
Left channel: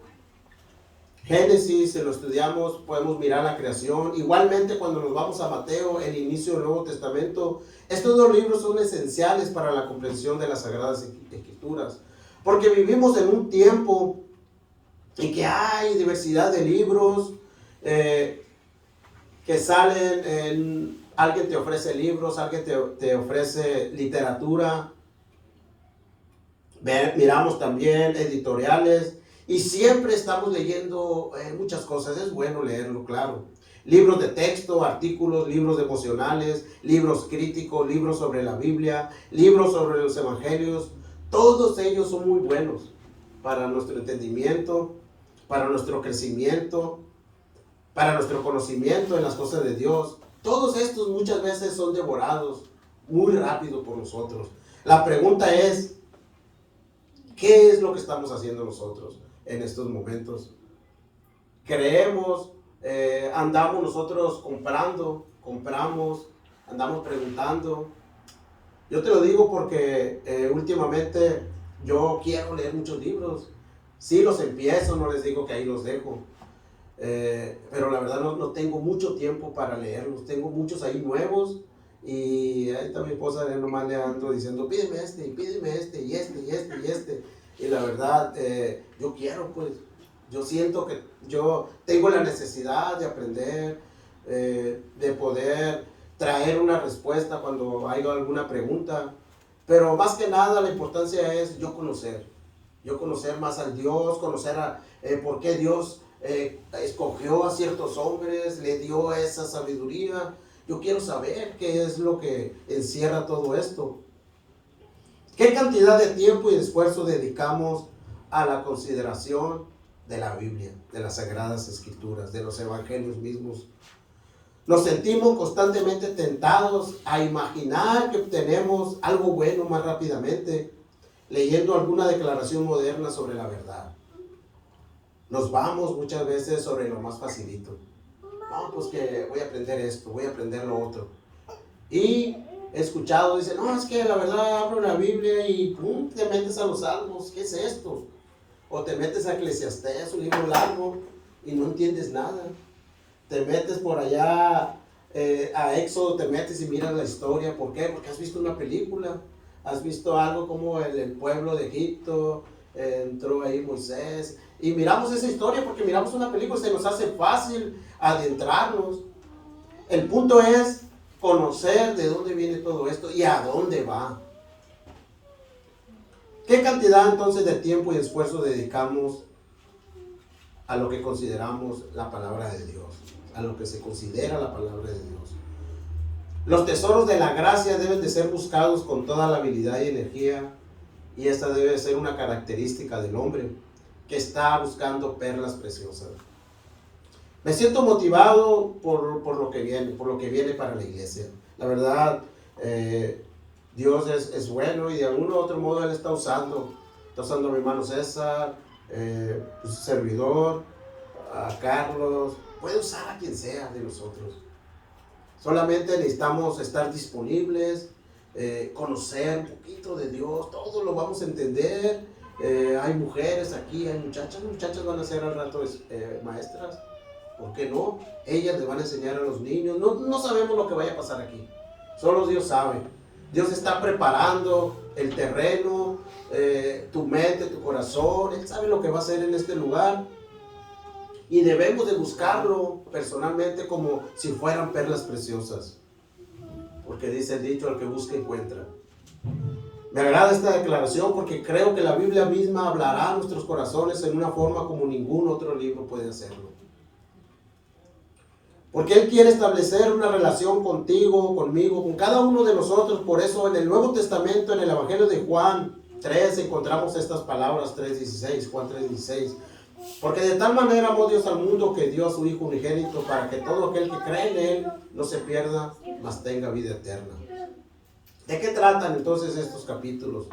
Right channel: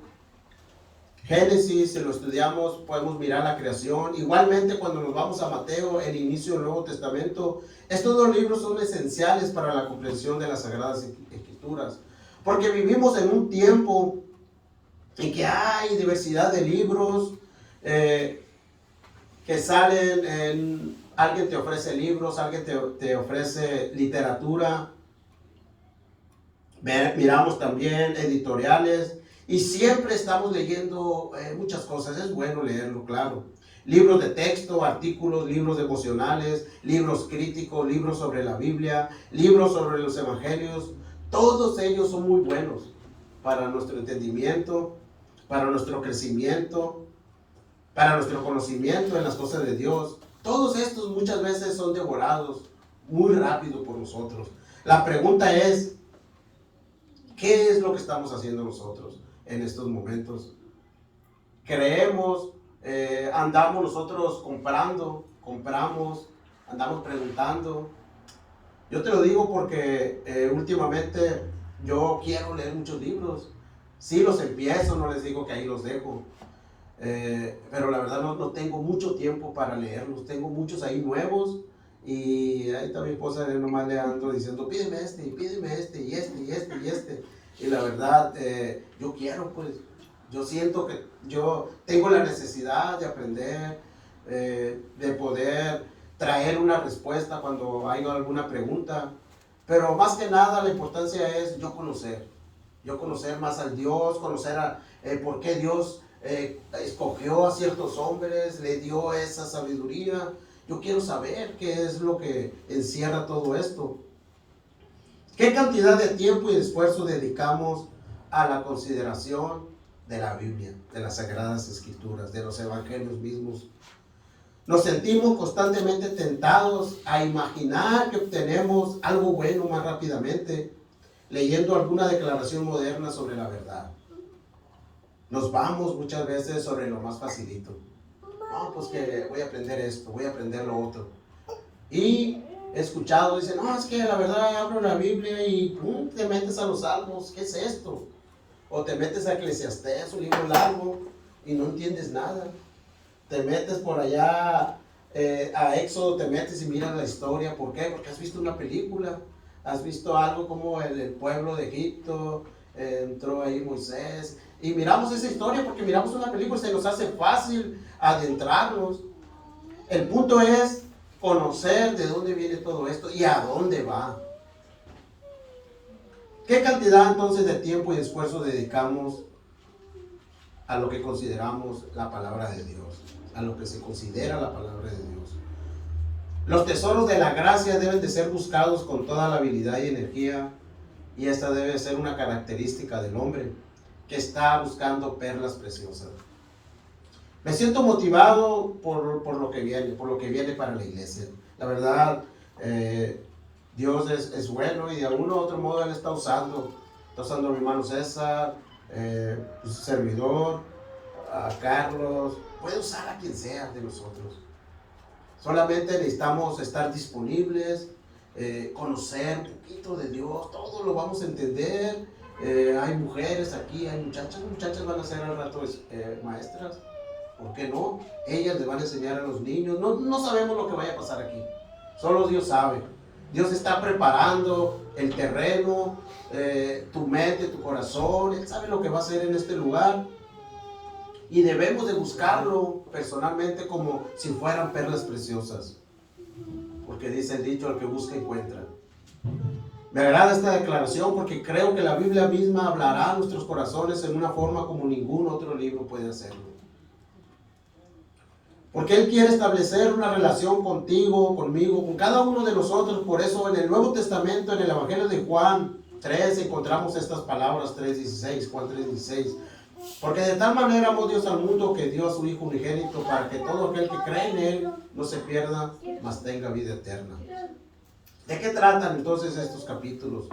Génesis, si lo estudiamos, podemos mirar la creación. Igualmente, cuando nos vamos a Mateo, el inicio del Nuevo Testamento, estos dos libros son esenciales para la comprensión de las Sagradas Escrituras. Porque vivimos en un tiempo en que hay diversidad de libros que salen, alguien te ofrece libros, alguien te ofrece literatura. Miramos también editoriales. Y siempre estamos leyendo muchas cosas. Es bueno leerlo, claro. Libros de texto, artículos, libros devocionales, libros críticos, libros sobre la Biblia, libros sobre los evangelios. Todos ellos son muy buenos para nuestro entendimiento, para nuestro crecimiento, para nuestro conocimiento en las cosas de Dios. Todos estos muchas veces son devorados muy rápido por nosotros. La pregunta es, ¿qué es lo que estamos haciendo nosotros en estos momentos? Creemos, andamos nosotros compramos, andamos preguntando. Yo te lo digo porque últimamente yo quiero leer muchos libros. Sí los empiezo, no les digo que ahí los dejo. Pero la verdad no tengo mucho tiempo para leerlos. Tengo muchos ahí nuevos. Y ahí está mi esposa, nomás le ando diciendo, pídeme este, y este. Y la verdad, yo quiero, pues, yo siento que yo tengo la necesidad de aprender, de poder traer una respuesta cuando hay alguna pregunta. Pero más que nada la importancia es yo conocer más al Dios, conocer por qué Dios escogió a ciertos hombres, le dio esa sabiduría. Yo quiero saber qué es lo que encierra todo esto. ¿Qué cantidad de tiempo y de esfuerzo dedicamos a la consideración de la Biblia, de las Sagradas Escrituras, de los Evangelios mismos? Nos sentimos constantemente tentados a imaginar que obtenemos algo bueno más rápidamente, leyendo alguna declaración moderna sobre la verdad. Nos vamos muchas veces sobre lo más facilito. No, pues que voy a aprender esto, voy a aprender lo otro. Y he escuchado, dicen, no, es que la verdad abro la Biblia y pum, te metes a los Salmos, ¿qué es esto? O te metes a Eclesiastés, un libro largo, y no entiendes nada. Te metes por allá a Éxodo, te metes y miras la historia. ¿Por qué? Porque has visto una película, has visto algo como el pueblo de Egipto, entró ahí Moisés, y miramos esa historia porque miramos una película y se nos hace fácil adentrarnos. El punto es conocer de dónde viene todo esto y a dónde va. ¿Qué cantidad entonces de tiempo y esfuerzo dedicamos a lo que consideramos la palabra de Dios, a lo que se considera la palabra de Dios? Los tesoros de la gracia deben de ser buscados con toda la habilidad y energía, y esta debe ser una característica del hombre que está buscando perlas preciosas. Me siento motivado por lo que viene para la iglesia. La verdad, Dios es bueno y de algún u otro modo Él está usando a mi hermano César, su servidor, a Carlos, puede usar a quien sea de nosotros. Solamente necesitamos estar disponibles, conocer un poquito de Dios, todo lo vamos a entender. Hay mujeres aquí, hay muchachas van a ser al rato maestras, ¿por qué no? Ellas les van a enseñar a los niños, no sabemos lo que vaya a pasar aquí, solo Dios sabe. Dios está preparando el terreno, tu mente, tu corazón, Él sabe lo que va a hacer en este lugar. Y debemos de buscarlo personalmente como si fueran perlas preciosas. Porque dice el dicho, al que busca encuentra. Me agrada esta declaración porque creo que la Biblia misma hablará a nuestros corazones en una forma como ningún otro libro puede hacerlo. Porque Él quiere establecer una relación contigo, conmigo, con cada uno de nosotros. Por eso en el Nuevo Testamento, en el Evangelio de Juan 3, encontramos estas palabras, 3:16, Juan 3:16. Porque de tal manera amó Dios al mundo que dio a su Hijo unigénito para que todo aquel que cree en Él no se pierda, mas tenga vida eterna. ¿De qué tratan entonces estos capítulos?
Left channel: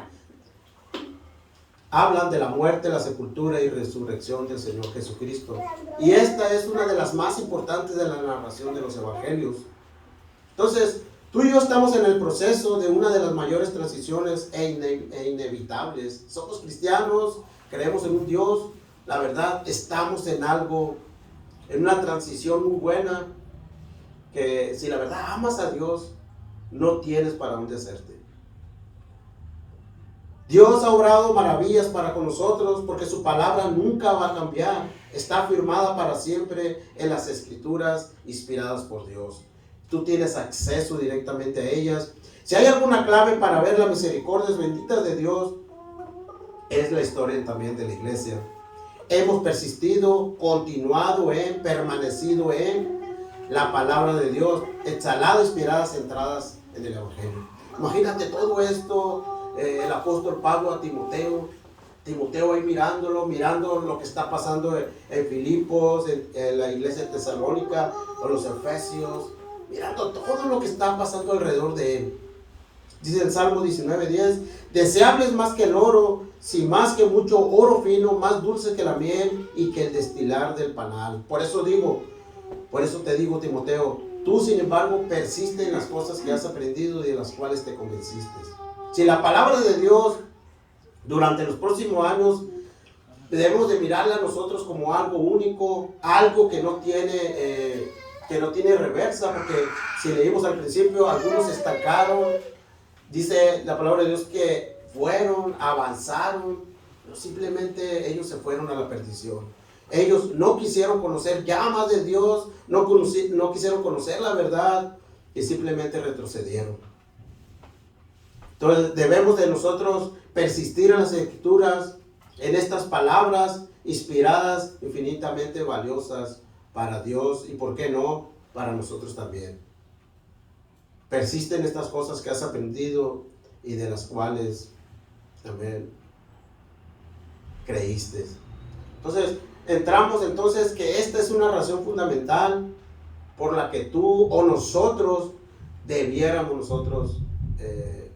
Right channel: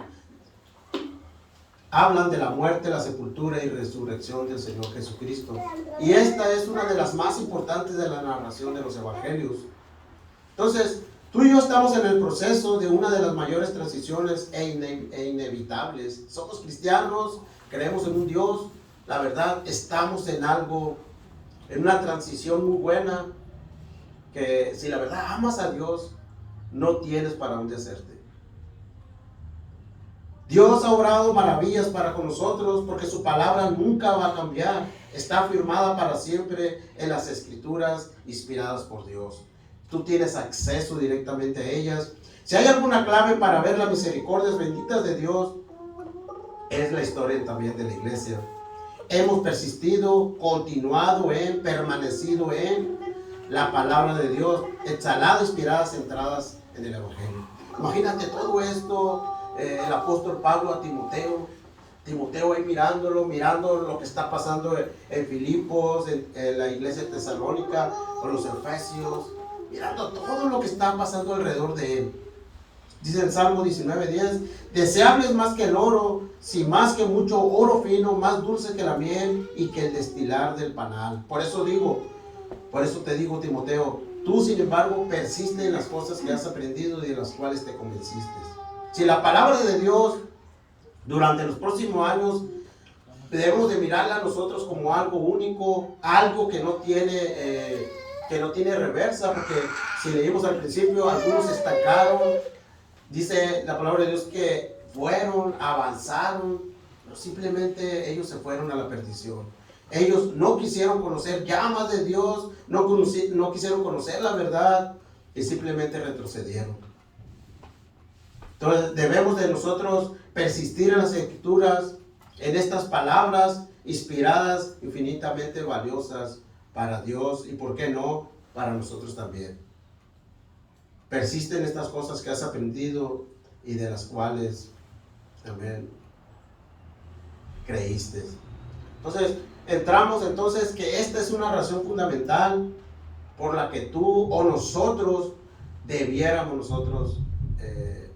Hablan de la muerte, la sepultura y resurrección del Señor Jesucristo. Y esta es una de las más importantes de la narración de los evangelios. Entonces, tú y yo estamos en el proceso de una de las mayores transiciones e inevitables. Somos cristianos, creemos en un Dios. La verdad, estamos en algo, en una transición muy buena, que si la verdad amas a Dios, no tienes para dónde hacerte. Dios ha obrado maravillas para con nosotros porque su palabra nunca va a cambiar. Está firmada para siempre en las Escrituras inspiradas por Dios. Tú tienes acceso directamente a ellas. Si hay alguna clave para ver las misericordias benditas de Dios, es la historia también de la iglesia. Hemos persistido, continuado en, permanecido en la palabra de Dios, exhalada, inspirada, centradas en el Evangelio. Imagínate todo esto, el apóstol Pablo a Timoteo ahí mirando lo que está pasando en Filipos, en la iglesia de Tesalónica, con los Efesios, mirando todo lo que está pasando alrededor de él. Dice el Salmo 19:10, deseable es más que el oro, si más que mucho oro fino, más dulce que la miel y que el destilar del panal. Por eso te digo, Timoteo, tú sin embargo persiste en las cosas que has aprendido y de las cuales te convenciste. Si la palabra de Dios durante los próximos años debemos de mirarla nosotros como algo único, algo que no tiene reversa, porque si leímos al principio, algunos se estancaron. Dice la palabra de Dios que avanzaron, pero simplemente ellos se fueron a la perdición. Ellos no quisieron conocer ya más de Dios, no quisieron conocer la verdad y simplemente retrocedieron. Entonces debemos de nosotros persistir en las Escrituras, en estas palabras inspiradas, infinitamente valiosas para Dios y, ¿por qué no?, para nosotros también. Persiste en estas cosas que has aprendido y de las cuales también creíste. Entonces, entramos entonces que esta es una razón fundamental por la que tú o nosotros debiéramos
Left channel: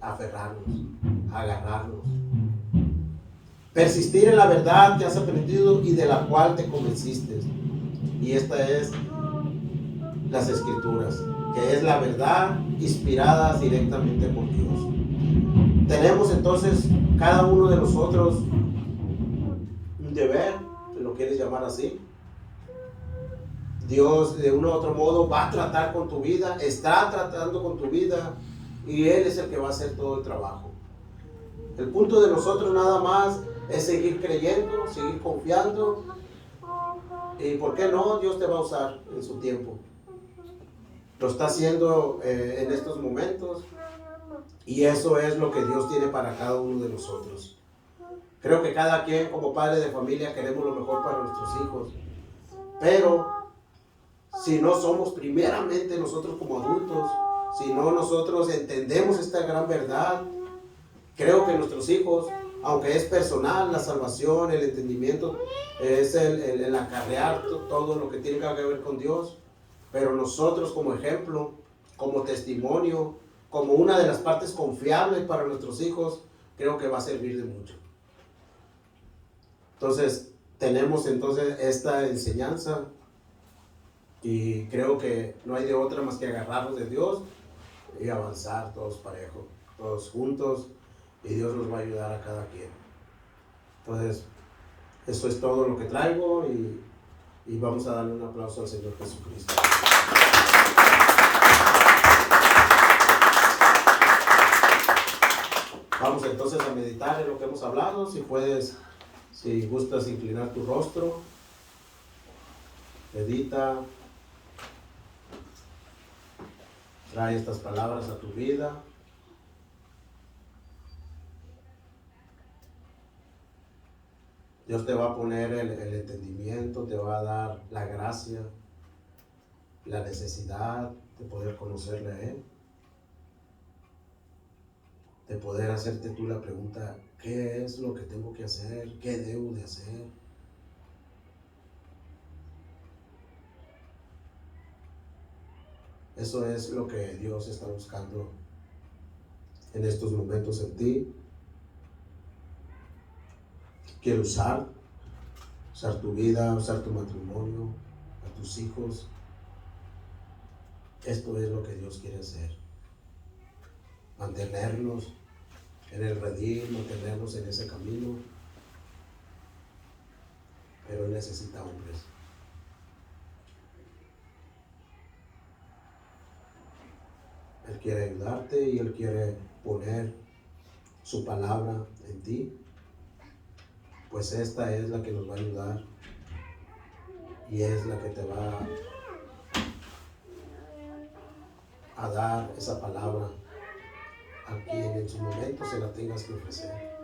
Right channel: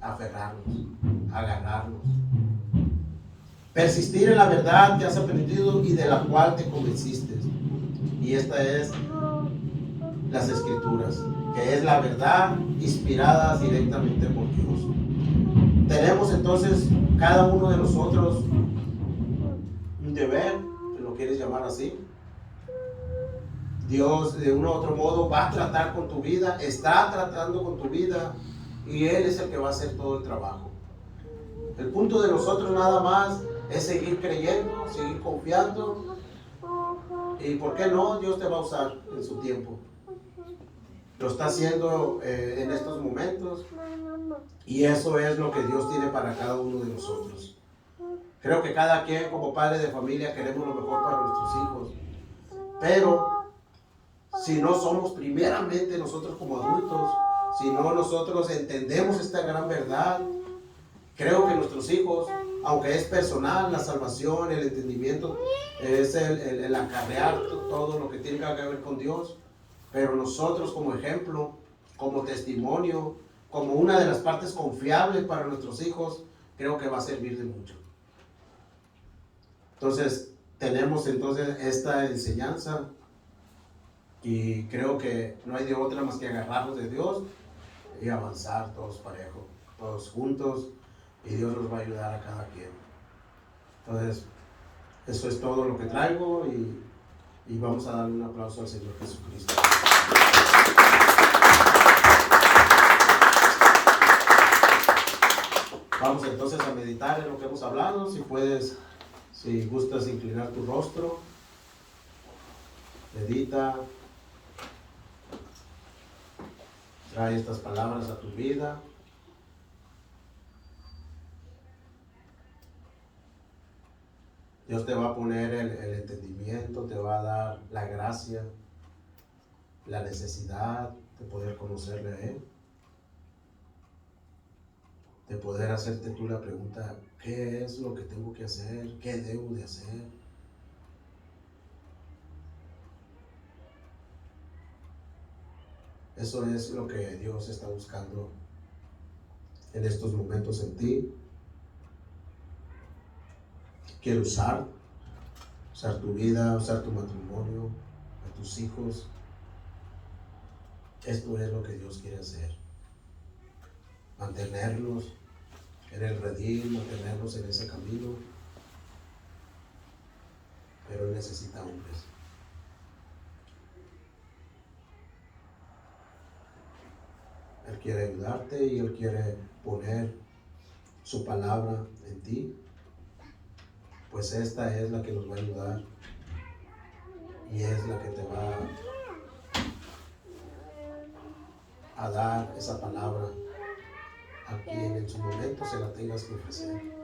aferrarnos, agarrarnos. Persistir en la verdad que has aprendido y de la cual te convenciste. Y esta es las Escrituras, que es la verdad inspirada directamente por Dios. Tenemos entonces cada uno de nosotros un deber, si lo quieres llamar así. Dios de uno u otro modo va a tratar con tu vida, está tratando con tu vida y Él es el que va a hacer todo el trabajo. El punto de nosotros nada más es seguir creyendo, seguir confiando y, ¿por qué no?, Dios te va a usar en su tiempo. Lo está haciendo en estos momentos y eso es lo que Dios tiene para cada uno de nosotros. Creo que cada quien como padre de familia queremos lo mejor para nuestros hijos, pero si no somos primeramente nosotros como adultos, si no nosotros entendemos esta gran verdad, creo que nuestros hijos, aunque es personal, la salvación, el entendimiento, es el acarrear todo lo que tiene que ver con Dios, pero nosotros como ejemplo, como testimonio, como una de las partes confiables para nuestros hijos, creo que va a servir de mucho. Entonces, tenemos entonces esta enseñanza y creo que no hay de otra más que agarrarnos de Dios y avanzar todos parejos. todos juntos, y Dios nos va a ayudar a cada quien. Entonces, eso es todo lo que traigo, y vamos a darle un aplauso al Señor Jesucristo. Vamos entonces a meditar en lo que hemos hablado. Si puedes, si gustas inclinar tu rostro, medita, trae estas palabras a tu vida. Dios te va a poner el entendimiento, te va a dar la gracia, la necesidad de poder conocerle a Él, de poder hacerte tú la pregunta: ¿qué es lo que tengo que hacer? ¿Qué debo de hacer? Eso es lo que Dios está buscando en estos momentos en ti. Quiere usar tu vida, usar tu matrimonio, a tus hijos. Esto es lo que Dios quiere hacer. Mantenerlos en el redil, mantenerlos en ese camino. Pero Él necesita hombres. Él quiere ayudarte y Él quiere poner su palabra en ti. Pues esta es la que nos va a ayudar y es la que te va a dar esa palabra a quien en su momento se la tengas que ofrecer.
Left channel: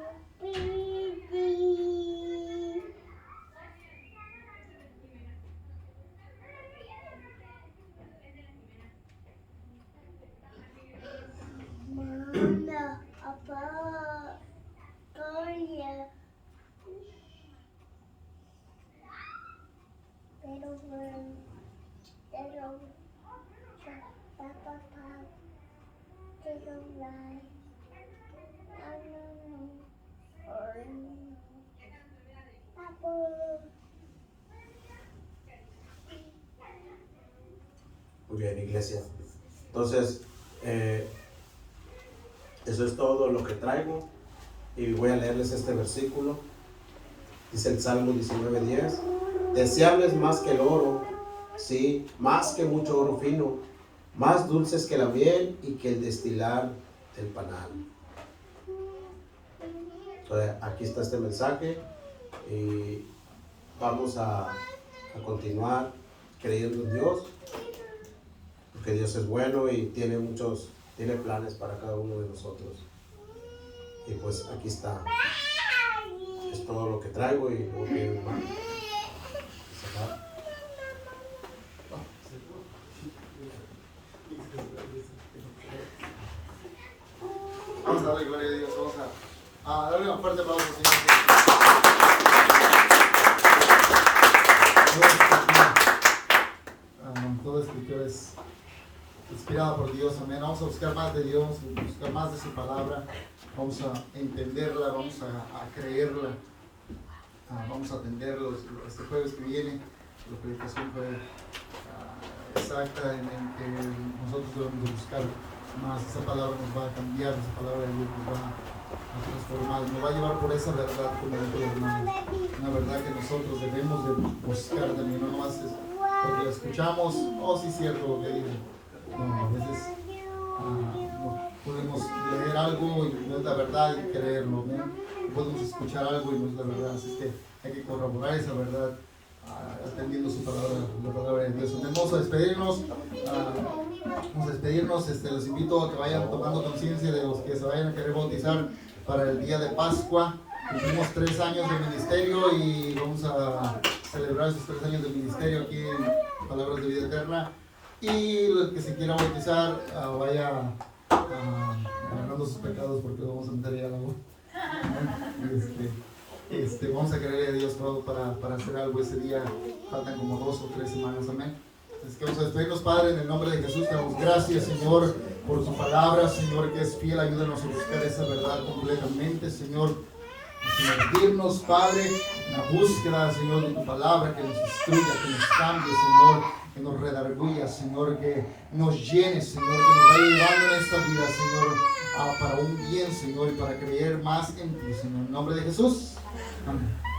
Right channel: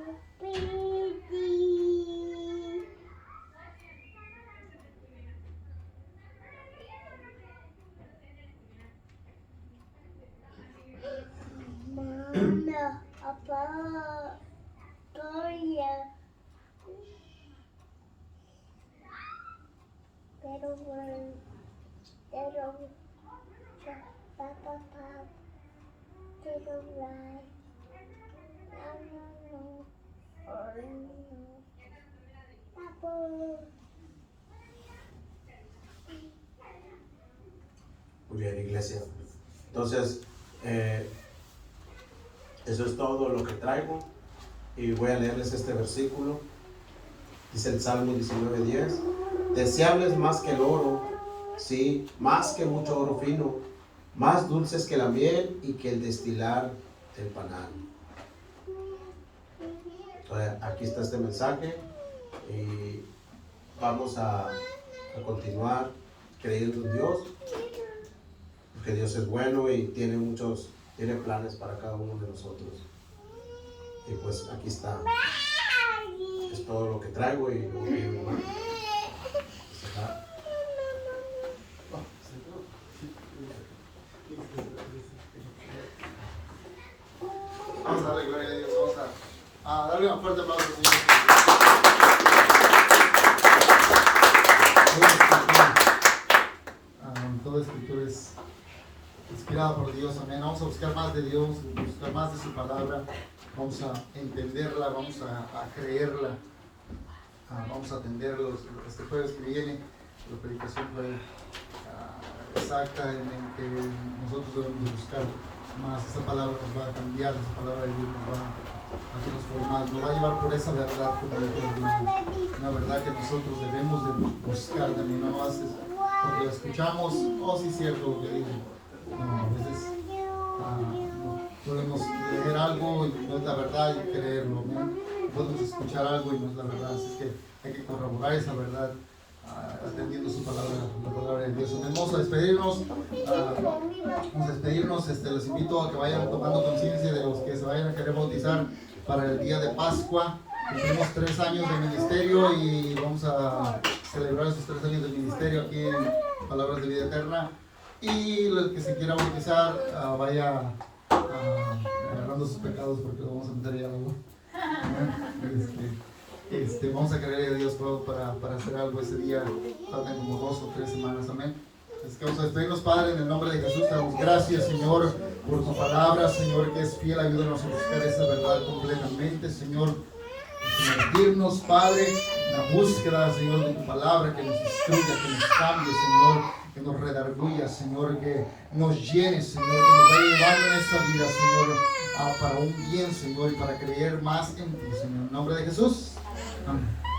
Muy bien, iglesia. Entonces, eso es todo lo que traigo. Y voy a leerles este versículo. Dice el Salmo 19:10: deseables más que el oro, sí, más que mucho oro fino, más dulces que la miel y que el destilar del panal. Entonces, aquí está este mensaje y vamos a continuar creyendo en Dios, porque Dios es bueno y tiene planes para cada uno de nosotros. Y pues aquí está. Es todo lo que traigo y luego que vamos a darle gloria a Dios. Vamos a darle un fuerte aplauso al Señor. Toda escritura es inspirada por Dios, amén. Vamos a buscar más de Dios, buscar más de su palabra. Vamos a entenderla, vamos a creerla, vamos a atenderlo. Este jueves que viene, la predicación fue exacta en que nosotros debemos buscar más. Esa palabra nos va a cambiar, esa palabra de Dios nos va a transformar, nos va a llevar por esa verdad, como dijo el hermano, una verdad que nosotros debemos de buscar también, no más es porque la escuchamos, oh sí es cierto lo que digo. No, a veces no podemos leer algo y no es la verdad y creerlo, ¿no? Podemos escuchar algo y no es la verdad, así que hay que corroborar esa verdad atendiendo su palabra, la palabra de Dios. Vamos a despedirnos, les invito a que vayan tomando conciencia de los que se vayan a querer bautizar para el día de Pascua. Cumplimos 3 años de ministerio y vamos a celebrar esos 3 años de ministerio aquí en Palabras de Vida Eterna. Y el que se quiera bautizar, vaya agarrando sus pecados porque lo vamos a meter ahí al agua. Vamos a creer a Dios para hacer algo ese día. Faltan como 2 o 3 semanas, amén. Es que vamos a despedirnos, Padre, en el nombre de Jesús. Te damos gracias, Señor, por tu palabra, Señor, que es fiel. Ayúdanos a buscar esa verdad completamente, Señor. Sumergirnos, Padre, en la búsqueda, Señor, de tu palabra, que nos instruya, que nos cambie, Señor, que nos redarguya, Señor, que nos llene, Señor, que nos vaya llevando en esta vida, Señor, para un bien, Señor, y para creer más en ti, Señor. En nombre de Jesús. Amén.